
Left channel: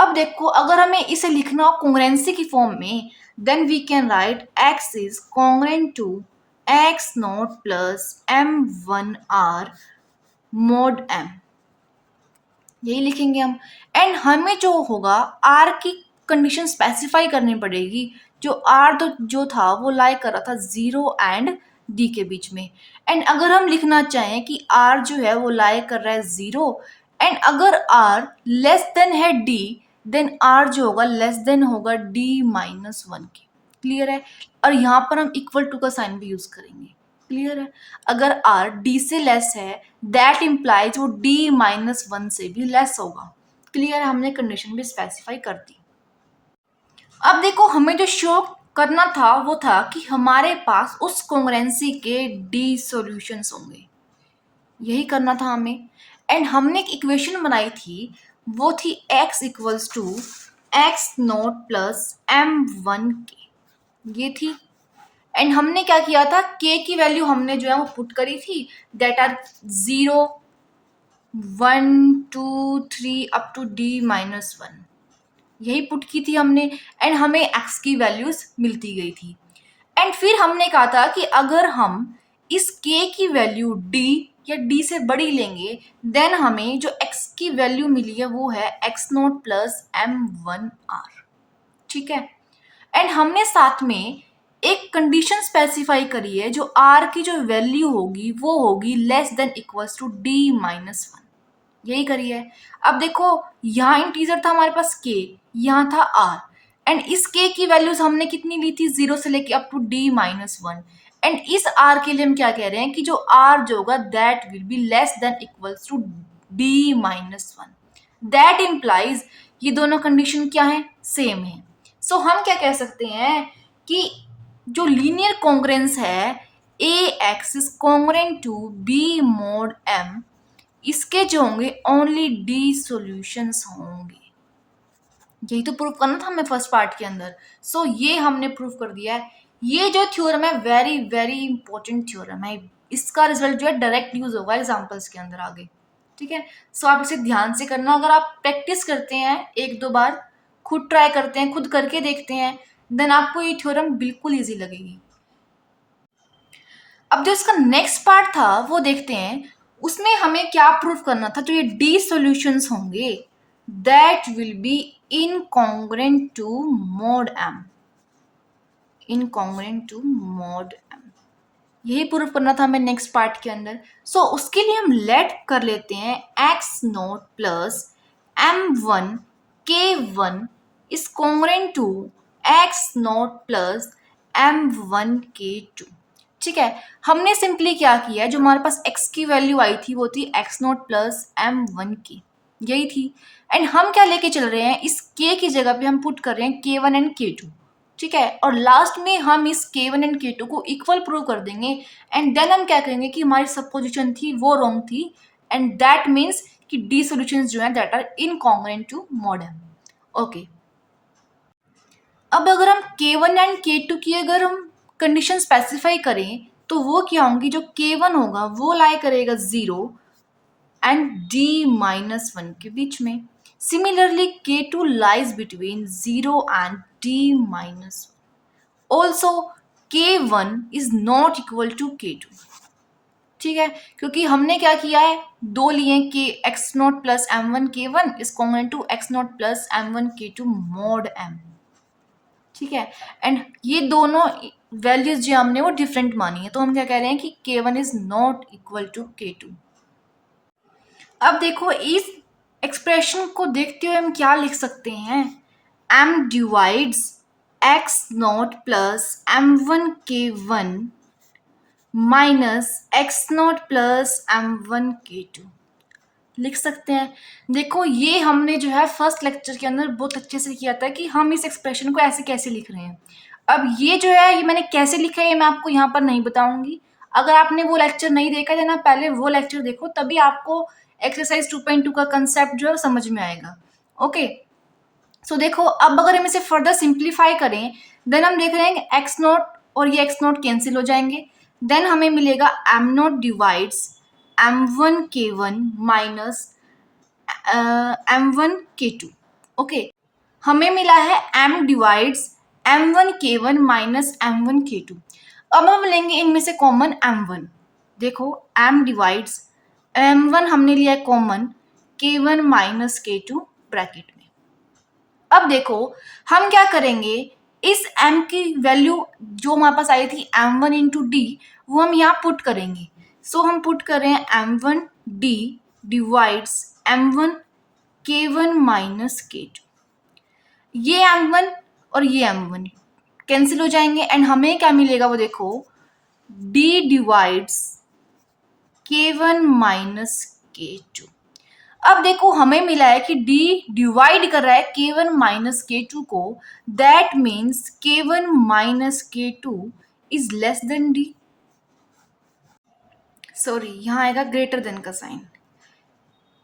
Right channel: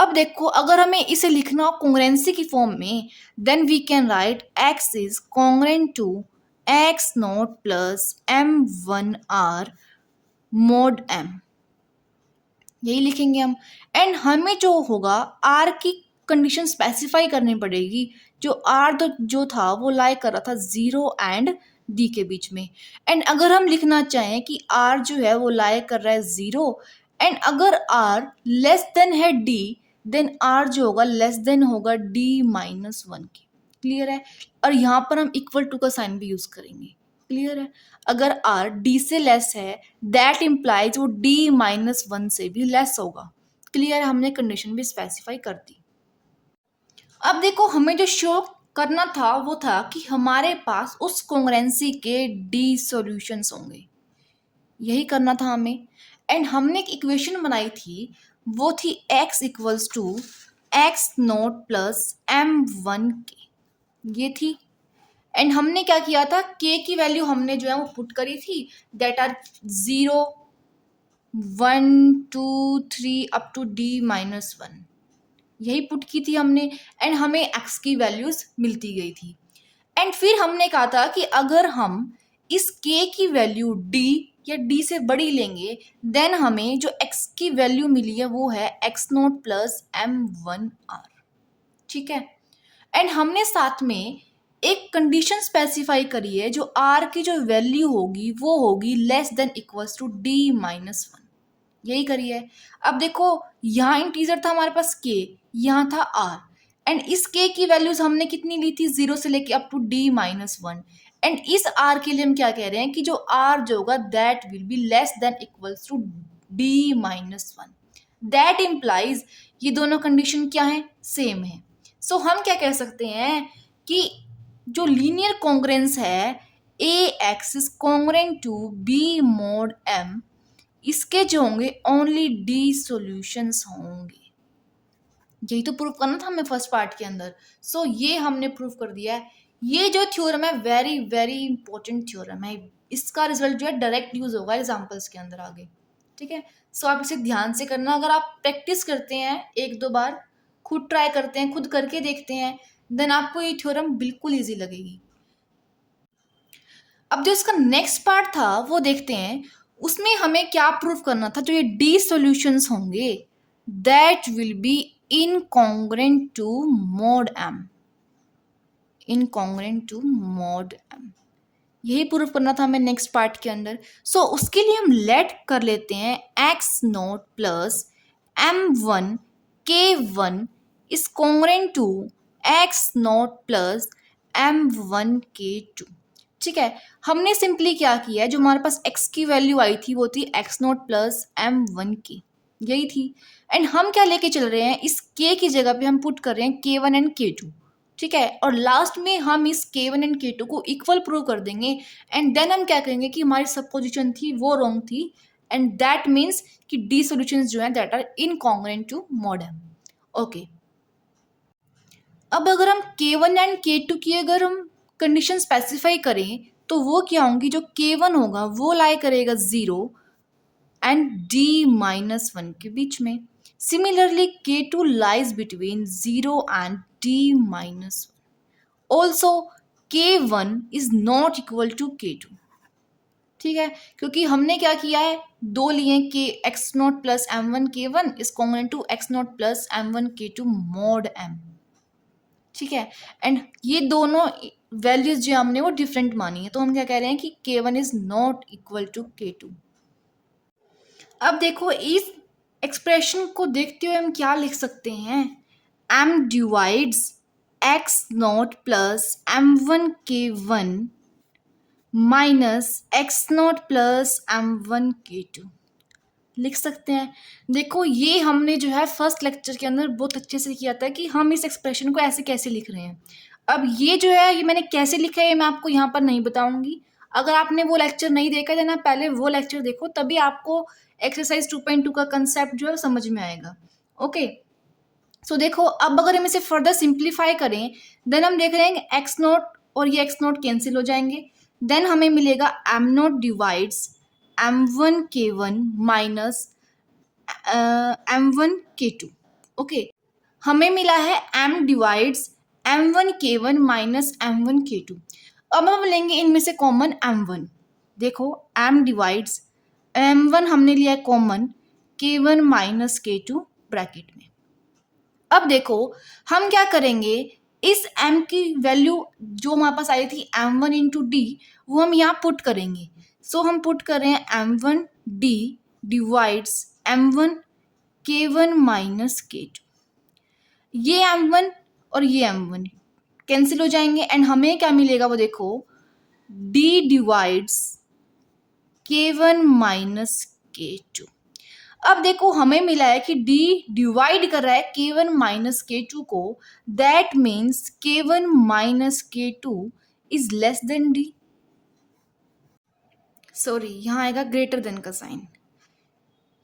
अब देखो अगर हमें इसे लिखना हो कॉन्ग्रुएंसी की फॉर्म में, then we can write x is congruent to x naught plus m1r mod m, यही लिखेंगे हम। एंड हमें जो होगा r की कंडीशन स्पेसिफाई करनी पड़ेगी। जो r तो जो था वो लाई कर रहा था 0 एंड d के बीच में। एंड अगर हम लिखना चाहें कि r जो है वो लाई कर रहा है 0 एंड अगर r लेस देन है d, देन r जो होगा लेस देन होगा d माइनस 1 के। क्लियर है? और यहाँ पर हम इक्वल टू का साइन भी यूज करेंगे। क्लियर है? अगर r d से लेस है दैट इम्प्लाइज वो d माइनस 1 से भी लेस होगा। क्लियर है? हमने कंडीशन भी स्पेसिफाई कर दी। अब देखो हमें जो शो करना था वो था कि हमारे पास उस कॉन्ग्रुएंसी के d सॉल्यूशंस होंगे, यही करना था हमें। एंड हमने एक इक्वेशन बनाई थी, वो थी x equals to x naught plus m1k, ये थी। एंड हमने क्या किया था, k की वैल्यू हमने जो है वो पुट करी थी, that are 0 1 2 3 up to d minus 1, यही पुट की थी हमने। एंड हमें x की वैल्यूज मिलती गई थी। एंड फिर हमने कहा था कि अगर हम इस k की वैल्यू d या d से बड़ी लेंगे, देन हमें जो x की वैल्यू मिली है वो है x नोट प्लस m1r। ठीक है? एंड हमने साथ में एक कंडीशन स्पेसिफाई करी है, जो r की जो वैल्यू होगी वो होगी less than equals to d minus 1, यही करी है। अब देखो यहाँ इंटीजर था हमारे पास k, यहाँ था r, एंड इस k की वैल्यूज हमने कितनी ली थी, 0 से लेके up to d minus 1। And इस r के लिए हम क्या कह रहे हैं कि जो r जो होगा that will be less than equals to d minus 1। That implies ये दोनों कंडीशन क्या है, सेम है। सो हम क्या कह सकते हैं कि जो लीनियर कॉन्ग्रुएंस है ax is congruent to b mod m, इसके जो होंगे ओनली d सॉल्यूशंस होंगे। यही तो प्रूव करना था हमें फर्स्ट पार्ट के अंदर। सो ये हमने प्रूव कर दिया है। ये जो थ्योरम है वेरी वेरी इंपॉर्टेंट थ्योरम है, इसका रिजल्ट जो है डायरेक्ट यूज होगा एग्जांपल्स के अंदर आगे। ठीक है? सो आप इसे ध्यान से करना। अगर आप प्रैक्टिस करते हैं एक दो बार, खुद ट्राई करते हैं, खुद करके देखते हैं, देन आपको ये थ्योरम बिल्कुल ईजी लगेगी। अब जो इसका नेक्स्ट पार्ट था वो देखते हैं, उसमें हमें क्या प्रूव करना था। जो ये डी सॉल्यूशंस होंगे that will be incongruent to mod m, incongruent to mod m, यही प्रूव करना था हमें नेक्स्ट पार्ट के अंदर। सो उसके लिए हम लेट कर लेते हैं x naught plus m1 k1 is congruent to x naught plus m1 k2। ठीक है? हमने सिंपली क्या किया है, जो हमारे पास x की वैल्यू आई थी वो थी x नोट प्लस m1k, यही थी। एंड हम क्या लेके चल रहे हैं, इस k की जगह पे हम पुट कर रहे हैं k1 एंड k2। ठीक है? और लास्ट में हम इस k1 एंड k2 को इक्वल प्रूव कर देंगे। एंड देन हम क्या करेंगे कि हमारी सपोजिशन थी वो रॉन्ग थी, एंड दैट मीन्स कि डी सॉल्यूशंस जो है that are incongruent to mod m। Okay, अब अगर हम k1 एंड k2 की अगर हम कंडीशन स्पेसिफाई करें तो वो क्या होंगी, जो k1 होगा वो लाई करेगा 0 एंड d माइनस 1 के बीच में। Similarly k2 lies between 0 and d minus 1। Also k1 is not equal to k2। ठीक है? क्योंकि हमने क्या किया है, दो लिए के x not plus m1 k1 is congruent to x not plus m1 k2 mod m। ठीक है? एंड ये दोनों वैल्यूज जो हमने वो डिफरेंट मानी है, तो हम क्या कह रहे हैं कि k1 is not equal to k2। अब देखो इस एक्सप्रेशन को देखते हुए हम क्या लिख सकते हैं, m divides x naught plus m1 k1 minus x not plus m1 k2 लिख सकते हैं। देखो ये हमने जो है फर्स्ट लेक्चर के अंदर बहुत अच्छे से किया था कि हम इस एक्सप्रेशन को ऐसे कैसे लिख रहे हैं। अब ये जो है ये मैंने कैसे लिखा है ये मैं आपको यहाँ पर नहीं बताऊंगी। अगर आपने वो लेक्चर नहीं देखा है ना, पहले वो लेक्चर देखो, तभी आपको एक्सरसाइज 2.2 का कंसेप्ट जो है समझ में आएगा। ओके, सो देखो अब अगर हम इसे फर्दर सिंप्लीफाई करें, देन हम देख रहे हैं कि एक्स नोट और ये एक्स नोट कैंसिल हो जाएंगे। देन हमें मिलेगा m naught divides m1 k1 minus m1 k2। Okay, हमें मिला है m divides m1k1 minus m1k2। अब हम लेंगे इनमें से कॉमन m1। देखो m डिवाइड्स m1 हमने लिया है common, k1 minus k2 bracket में। अब देखो हम क्या करेंगे, इस m की वैल्यू जो हमारे पास आई थी m1 इंटू डी, वो हम यहाँ पुट करेंगे। सो हम पुट कर रहे हैं m1 d divides m1 k1 minus k2। ये m1 और ये m1 कैंसिल हो जाएंगे एंड हमें क्या मिलेगा वो देखो, d divides k1 minus k2। अब देखो हमें मिला है कि d डिवाइड कर रहा है k1 माइनस k2 को, that means k1 minus k2 is less than d। Sorry, यहाँ आएगा ग्रेटर देन का साइन,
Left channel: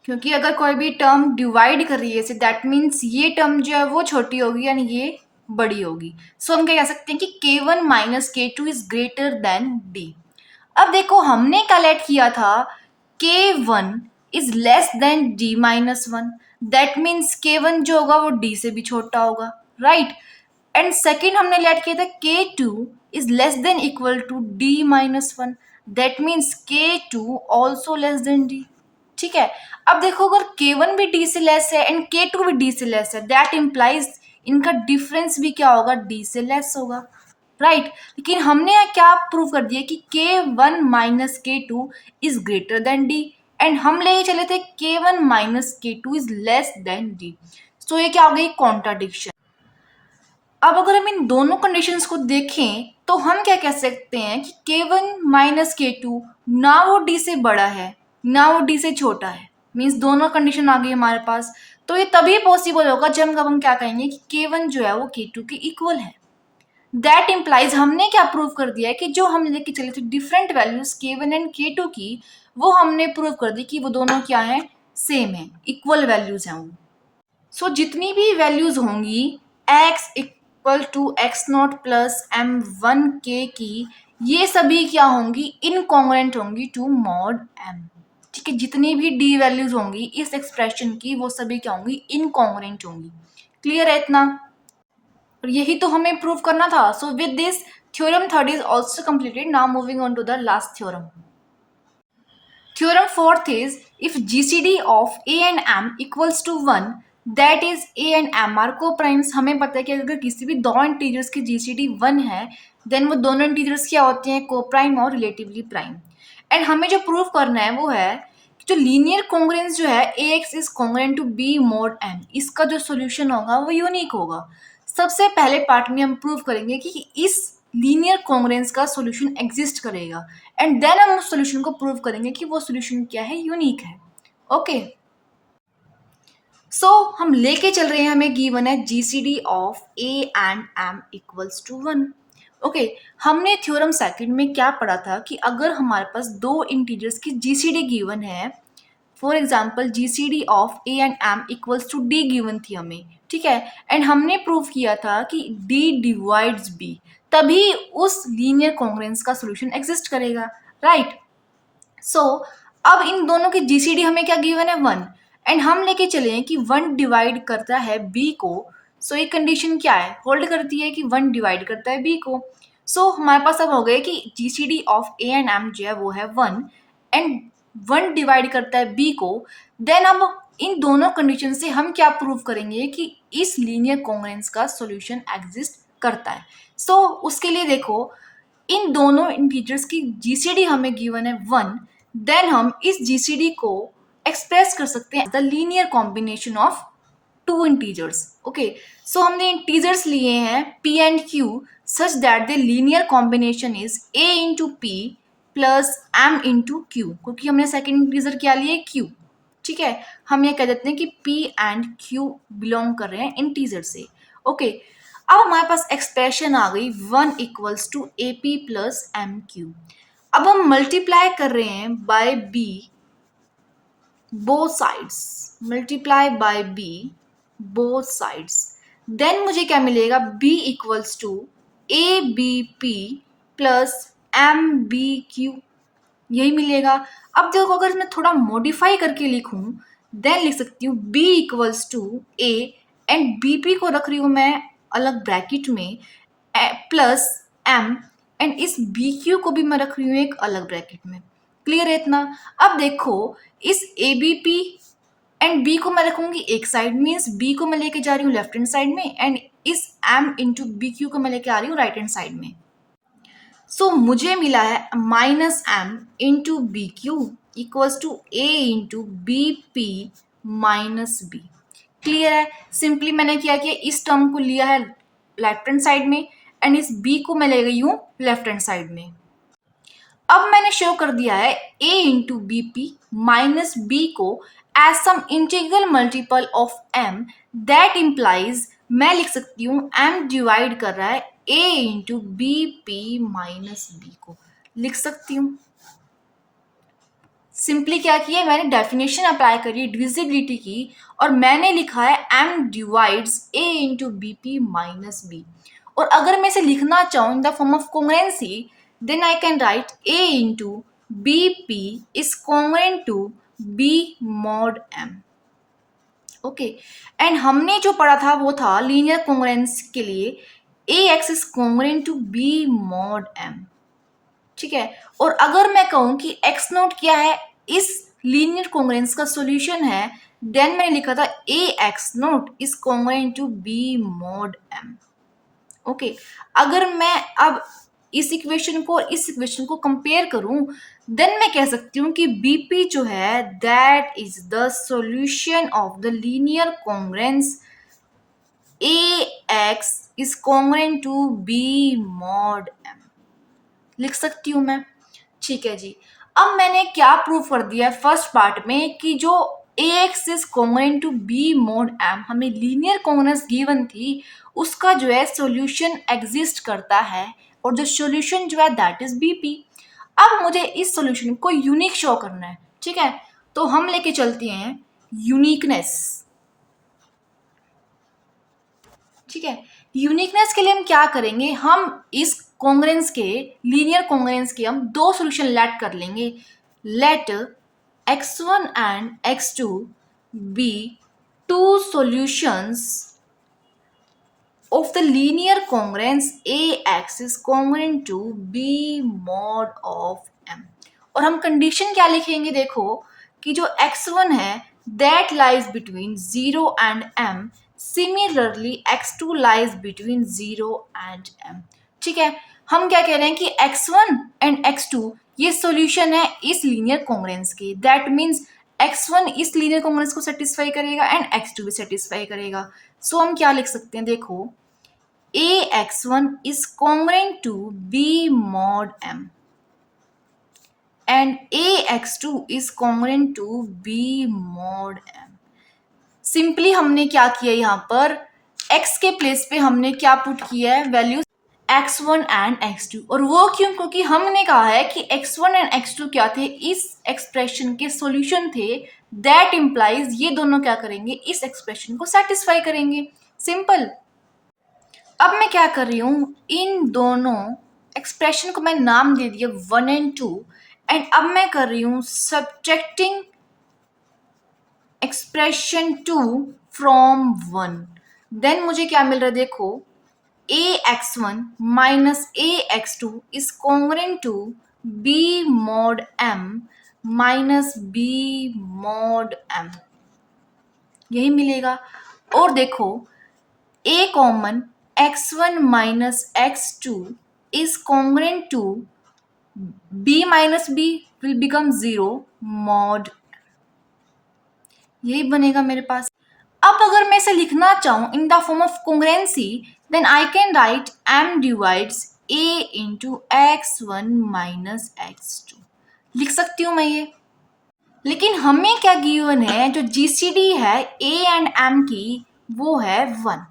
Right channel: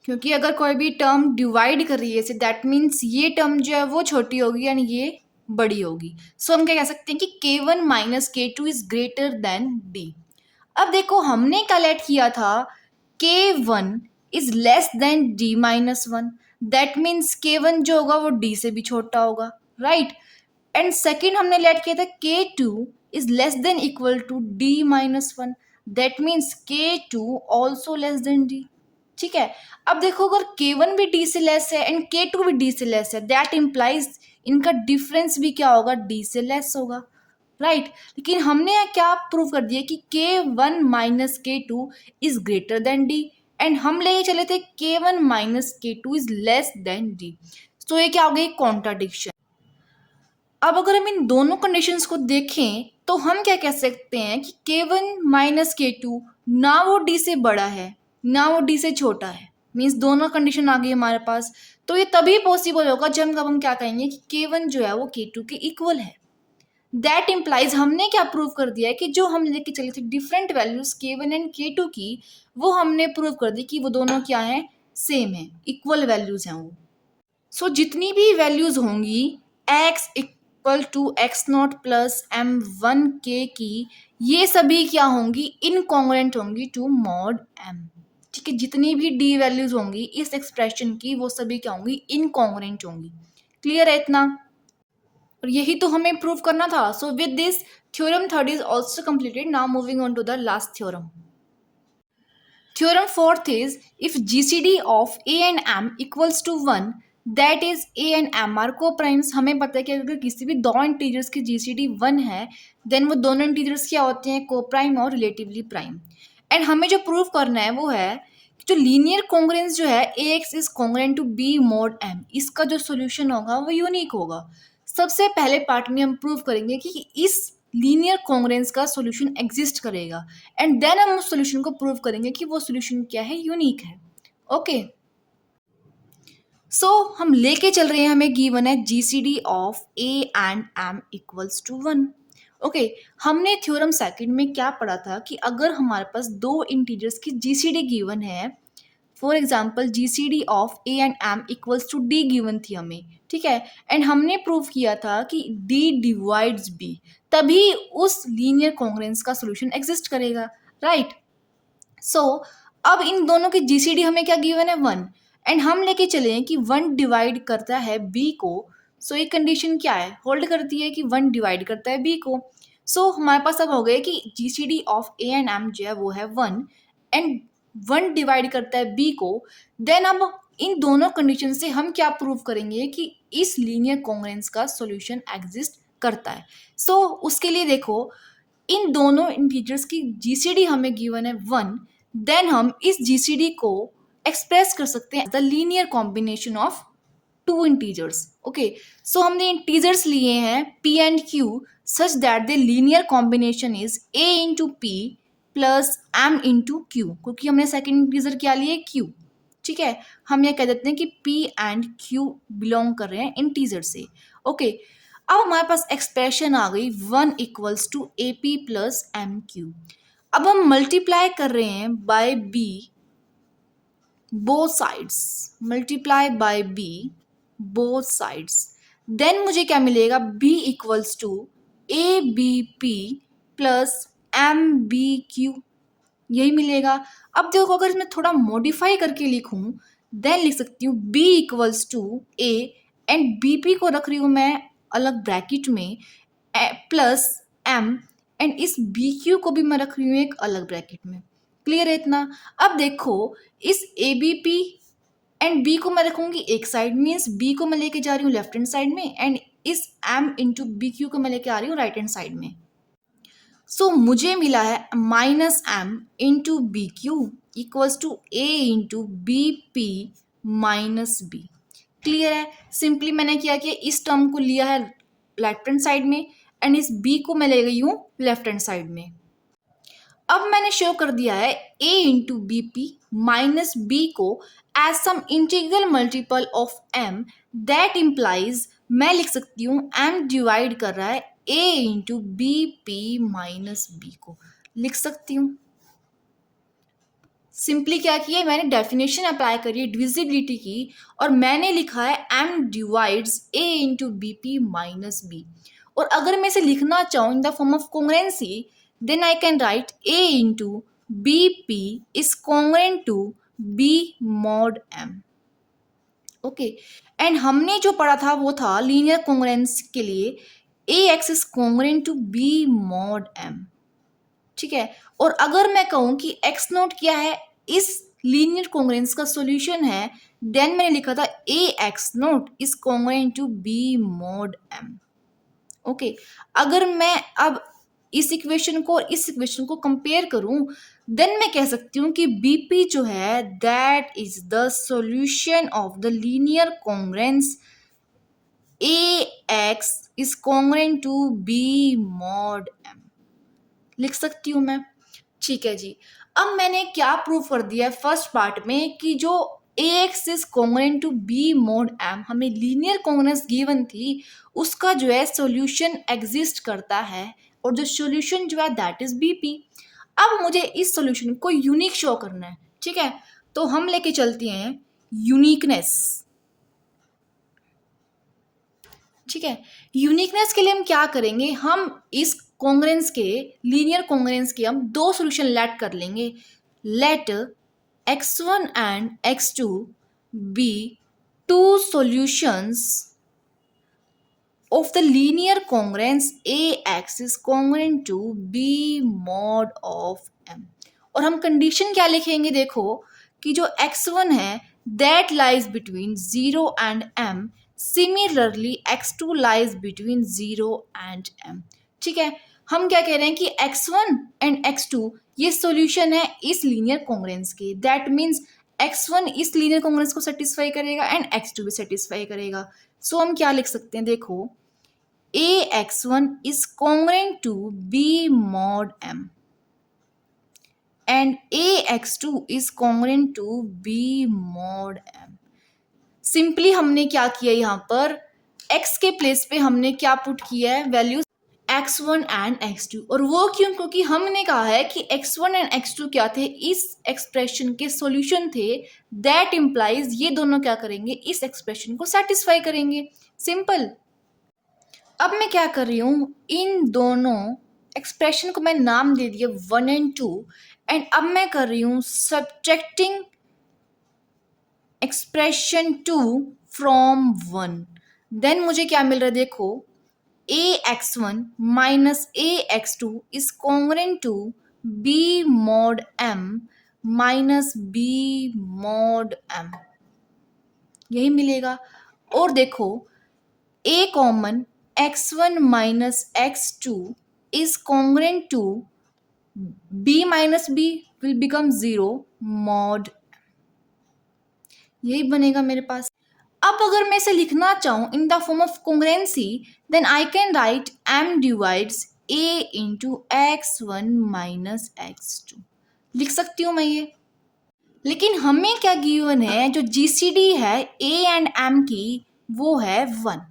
क्योंकि अगर कोई भी टर्म डिवाइड कर रही है दैट मीन्स ये टर्म जो है वो छोटी होगी यानी ये बड़ी होगी। सो हम क्या कह सकते हैं कि k1 minus k2 is greater than d। अब देखो हमने कैलकुलेट किया था k1 is less than d minus one, that means k1 जो होगा वो d से भी छोटा होगा, राइट। एंड सेकेंड हमने लेट किया था k2 is less than equal to d minus one, that means k2 also less than d। ठीक है, अब देखो अगर k1 भी d से लेस है एंड k2 भी d से लेस है, दैट इम्प्लाइज इनका डिफरेंस भी क्या होगा, d से लेस होगा, राइट। लेकिन हमने यहाँ क्या प्रूव कर दिया कि k1 minus k2 is greater than d, and हम ले चले थे k1 minus k2 is less than d। सो ये क्या हो गई, कॉन्ट्राडिक्शन। अब अगर हम इन दोनों कंडीशंस को देखें तो हम क्या कह सकते हैं कि k1 माइनस k2 ना वो d से बड़ा है ना वो d से छोटा है, मीन्स दोनों कंडीशन आ गई हमारे पास। तो ये तभी पॉसिबल होगा जब हम क्या कहेंगे कि k1 जो है वो k2 के इक्वल है। दैट इम्प्लाइज हमने क्या प्रूव कर दिया है कि जो हम लेके चले थे different values k1 and k2 की, वो हमने प्रूव कर दी कि वो दोनों क्या है, सेम है, इक्वल वैल्यूज हैं वो। सो जितनी भी वैल्यूज होंगी x equal to x not plus m1k की, ये सभी क्या होंगी, इनकॉन्ग्रुएंट होंगी टू मॉड m। ठीक है, जितनी भी d वैल्यूज होंगी इस एक्सप्रेशन की वो सभी क्या होंगी, इनकॉन्ग्रुएंट होंगी। क्लियर है इतना, और यही तो हमें प्रूव करना था। So with this theorem third is also completed. Now moving on to the last theorem. Theorem fourth is if GCD of A and M equals to 1, that is A and M are co-primes। हमें पता है कि अगर किसी भी दो integers की GCD 1 है देन वो दोनों इंटीजर्स क्या होते हैं, को-प्राइम और रिलेटिवली प्राइम। एंड हमें जो प्रूव करना है वो है कि जो लीनियर कॉन्ग्रुएंस जो है AX is congruent to B mod M, इसका जो सोल्यूशन होगा वो यूनिक होगा। सबसे पहले पार्ट में हम प्रूव करेंगे कि इस लीनियर कॉन्ग्रुएंस का सॉल्यूशन एग्जिस्ट करेगा एंड देन हम उस सॉल्यूशन को प्रूव करेंगे कि वो सॉल्यूशन क्या है, यूनिक है। ओके, सो हम लेके चल रहे हैं, हमें गिवन है GCD of A and M equals to 1। Okay, हमने थ्योरम सेकंड में क्या पढ़ा था कि अगर हमारे पास दो इंटीजर्स की जीसीडी गिवन है, for example GCD of A and M equals to d given थी हमें, ठीक है, एंड हमने प्रूव किया था कि डी डिवाइड्स बी, तभी उस लीनियर कॉन्ग्रुएंस का सॉल्यूशन एग्जिस्ट करेगा, राइट। सो अब इन दोनों की जीसीडी हमें क्या गिवन है, 1, एंड हम लेके चले हैं कि 1 डिवाइड करता है बी को। सो ये कंडीशन क्या है, होल्ड करती है कि 1 डिवाइड करता है बी को। सो हमारे पास अब हो गया कि GCD of A and m जो है वो है 1 एंड 1 डिवाइड करता है बी को। देन अब इन दोनों कंडीशन से हम क्या प्रूव करेंगे कि इस लीनियर कॉन्ग्रुएंस का सॉल्यूशन एग्जिस्ट करता है। सो उसके लिए देखो इन दोनों इंटीजर्स की जीसीडी हमें गिवन है 1, देन हम इस जीसीडी को एक्सप्रेस कर सकते हैं the linear combination of two integers. Okay, so हमने इंटीजर्स लिए हैं p and q such that the linear combination is a into p plus m into q, क्योंकि हमने सेकेंड इंटीजर क्या लिए, q। ठीक है, हम ये कह देते हैं कि p एंड q बिलोंग कर रहे हैं इंटीजर से। ओके, अब हमारे पास एक्सप्रेशन आ गई 1 equals to a p plus m q. अब हम मल्टीप्लाई कर रहे हैं by b both sides, multiply by b both sides, then मुझे क्या मिलेगा, b equals to a b p plus m b q, यही मिलेगा। अब देखो अगर मैं थोड़ा मॉडिफाई करके लिखूं देन लिख सकती हूँ b equals to a and b p को रख रही हूँ मैं अलग ब्रैकेट में प्लस एम, एंड इस बी क्यू को भी मैं रख रही हूँ एक अलग ब्रैकेट में। क्लियर है इतना? अब देखो इस a b p and b को मैं रखूंगी एक साइड, मीन्स बी को मैं लेके जा रही हूँ लेफ्ट हैंड साइड में, एंड इस एम इंटू बी क्यू को मैं लेके आ रही हूँ राइट हैंड साइड में। सो मुझे मिला है minus m into b q equals to a into B P minus b. Clear है? सिंपली मैंने क्या किया, इस टर्म को लिया है लेफ्ट हैंड साइड में एंड इस बी को मैं ले गई हूँ लेफ्ट हैंड साइड में। अब मैंने शो कर दिया है a into B P minus B को as some integral multiple of m, that implies मैं लिख सकती हूँ m डिवाइड कर रहा है a into B P minus B को, लिख सकती हूँ। सिंपली क्या किया, मैंने डेफिनेशन अप्लाई करी है डिविजिबिलिटी की, और मैंने लिखा है m divides a into B P minus b. और अगर मैं इसे लिखना चाहूँ in the form of congruency, then I can write A into BP is congruent to B mod M. Okay, and हमने जो पढ़ा था वो था लीनियर कॉन्ग्रुएंस के लिए AX is congruent to B mod M। ठीक है, और अगर मैं कहूँ कि X नोट क्या है, इस लीनियर कॉन्ग्रुएंस का सॉल्यूशन है, देन मैंने लिखा था AX note is congruent to B mod M। Okay, अगर मैं अब इस इक्वेशन को और इस इक्वेशन को कंपेयर करूं, देन मैं कह सकती हूँ कि बीपी जो है that is the solution of the linear congruence a x is congruent to B mod m, लिख सकती हूँ मैं। ठीक है जी, अब मैंने क्या प्रूव कर दिया है फर्स्ट पार्ट में कि जो AX is congruent to B mod M, हमें लीनियर कॉन्ग्रुएंस गिवन थी, उसका जो है सॉल्यूशन एग्जिस्ट करता है, और जो सॉल्यूशन जो है दैट इज BP। अब मुझे इस सॉल्यूशन को यूनिक शो करना है। ठीक है, तो हम लेके चलते हैं यूनिकनेस। ठीक है, यूनिकनेस के लिए हम क्या करेंगे, हम इस कॉन्ग्रुएंस के लीनियर कॉन्ग्रुएंस के हम दो सॉल्यूशन लेट कर लेंगे। Let x1 and x2 be two solutions of the linear congruence AX is congruent to B mod of M। और हम कंडीशन क्या लिखेंगे, देखो कि जो x1 है that lies between 0 and M, similarly x2 lies between 0 and M। ठीक है, हम क्या कह रहे हैं कि x1 एंड x2 ये सॉल्यूशन है इस लीनियर कॉन्ग्रुएंस की, दैट मीन्स x1 इस लीनियर कॉन्ग्रुएंस को सेटिस्फाई करेगा एंड x2 भी सेटिस्फाई करेगा। सो हम क्या लिख सकते हैं, देखो AX1 is congruent to B mod M and AX2 is congruent to B mod M। Simply हमने क्या किया, यहाँ पर x के प्लेस पे हमने क्या पुट किया है, वैल्यू x1 एंड x2। और वो क्यों, क्योंकि हमने कहा है कि x1 एंड x2 क्या थे, इस एक्सप्रेशन के सॉल्यूशन थे, दैट इम्प्लाइज ये दोनों क्या करेंगे, इस एक्सप्रेशन को सेटिस्फाई करेंगे। सिंपल। अब मैं क्या कर रही हूँ, इन दोनों एक्सप्रेशन को मैं नाम दे दिया 1 एंड 2, एंड अब मैं कर रही हूँ सब्ट्रैक्टिंग एक्सप्रेशन 2 फ्रॉम 1। देन मुझे क्या मिल रहा है, देखो AX1 minus AX2 is congruent to B mod M minus B mod M, यही मिलेगा। और देखो A common x1 minus x2 is congruent to b minus b will become 0 mod, यही बनेगा मेरे पास। अब अगर मैं इसे लिखना चाहूँ in the form of congruency, then I can write m divides a into x1 minus x2, लिख सकती हूँ मैं ये। लेकिन हमें क्या गिवन है, जो GCD है a एंड m की वो है 1,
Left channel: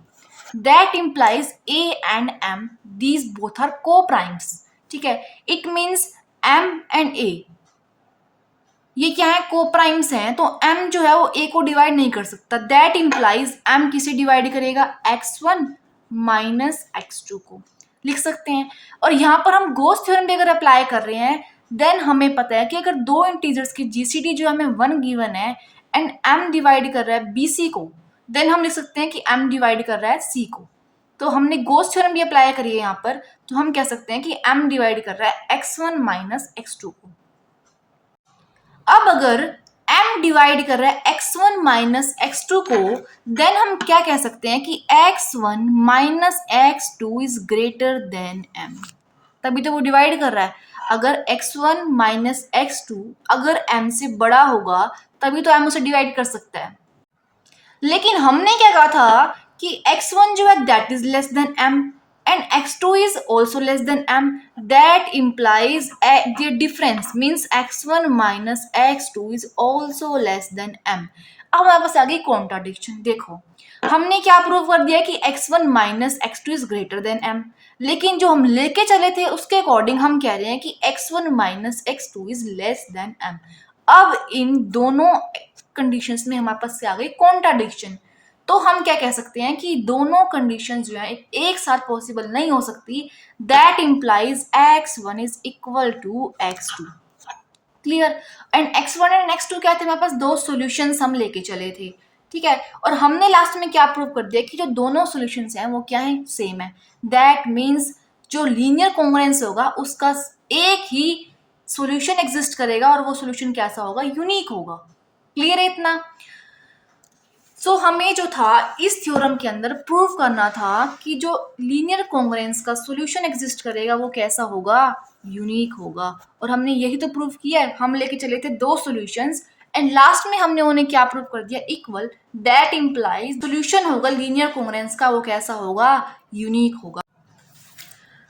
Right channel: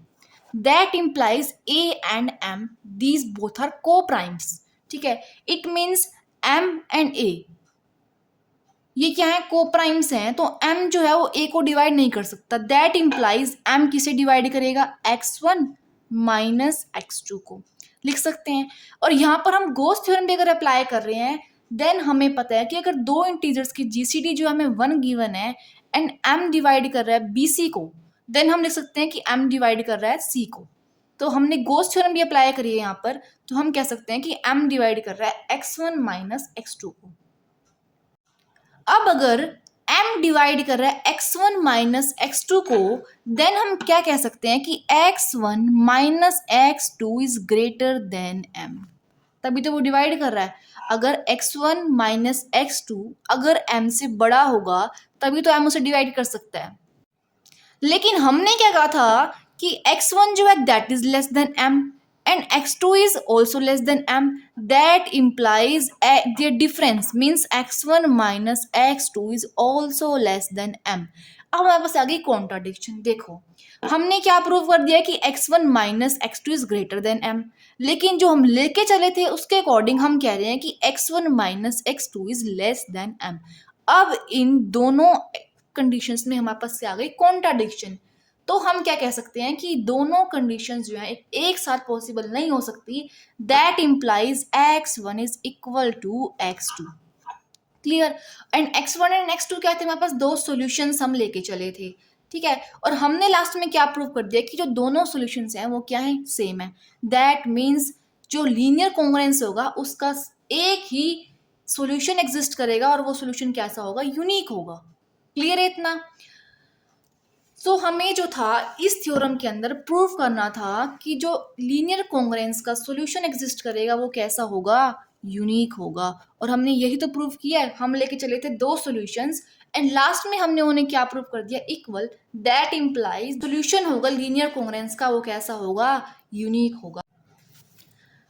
that implies A and M these both are co-primes। ठीक है, it means M and A ये क्या है, co-primes हैं, तो M जो है वो A को डिवाइड नहीं कर सकता, that implies M किसे डिवाइड करेगा, x1 माइनस x2 को, लिख सकते हैं। और यहाँ पर हम गॉस थ्योरम भी अगर अप्लाई कर रहे हैं, देन हमें पता है कि अगर दो इंटीजर्स की GCD जो हमें 1 गिवन है एंड M डिवाइड कर रहा है BC को, देन हम लिख सकते हैं कि m डिवाइड कर रहा है c को। तो हमने गॉस थ्योरम भी अप्लाई करी है यहाँ पर, तो हम कह सकते हैं कि m डिवाइड कर रहा है x1 माइनस x2 को। अब अगर m डिवाइड कर रहा है x1 माइनस x2 को, देन हम क्या कह सकते हैं कि x1 minus x2 is greater then m। तभी तो वो डिवाइड कर रहा है। अगर x1 माइनस x2 अगर m से बड़ा होगा तभी तो m उसे डिवाइड कर सकता है। लेकिन हमने क्या कहा था कि x1 जो है that is less then m and x2 is also less than m, that implies their difference means x1 minus x2 is also less than m। अब हमारे पास आ गई कॉन्ट्राडिक्शन। देखो हमने क्या प्रूव कर दिया कि x1 minus x2 is greater then m, लेकिन जो हम लेके चले थे उसके अकॉर्डिंग हम कह रहे हैं कि x1 minus x2 is less then m। अब इन दोनों कंडीशंस में हमारे पास से आ गई कॉन्ट्राडिक्शन। तो हम क्या कह सकते हैं कि दोनों कंडीशंस जो है एक साथ पॉसिबल नहीं हो सकती। That implies x1 is equal to x2। Clear. And x1 and x2 क्या थे, हमारे पास दो सॉल्यूशंस हम लेके चले थे, ठीक है। और हमने लास्ट में क्या प्रूव कर दिया कि जो दोनों सॉल्यूशंस हैं वो क्या है, सेम है। दैट मीन्स जो लीनियर कॉन्ग्रुएंस होगा उसका एक ही सॉल्यूशन एग्जिस्ट करेगा और वो सॉल्यूशन कैसा होगा, यूनिक होगा। क्लियर है इतना। सो हमें जो था इस थ्योरम के अंदर प्रूव करना था कि जो लीनियर कॉन्ग्रुएंस का सॉल्यूशन एग्जिस्ट करेगा वो कैसा होगा, यूनिक होगा। और हमने यही तो प्रूव किया है। हम लेके चले थे दो सॉल्यूशंस एंड लास्ट में हमने उन्हें क्या प्रूव कर दिया, इक्वल। दैट इंप्लाइज सॉल्यूशन होगा लीनियर कॉन्ग्रुएंस का वो कैसा होगा, यूनिक होगा।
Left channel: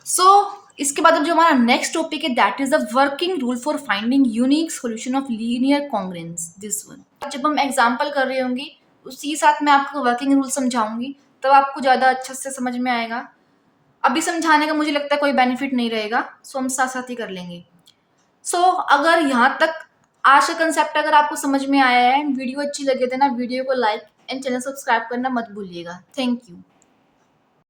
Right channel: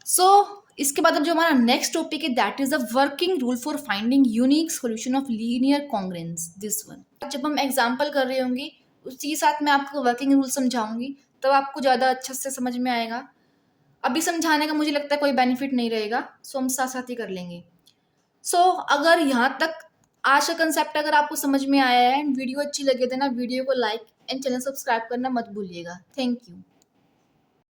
सो इसके बाद अब जो हमारा नेक्स्ट टॉपिक है that is the working rule for finding unique solution of linear congruence, this one. जब हम एग्जांपल कर रहे होंगे उसी साथ मैं आपको वर्किंग रूल समझाऊंगी, तब आपको ज़्यादा अच्छे से समझ में आएगा। अभी समझाने का मुझे लगता है कोई बेनिफिट नहीं रहेगा, सो हम साथ साथ ही कर लेंगे। सो अगर यहाँ तक आज का कंसेप्ट अगर आपको समझ में आया है एंड वीडियो अच्छी लगे तो ना वीडियो को लाइक एंड चैनल सब्सक्राइब करना मत भूलिएगा। Thank you.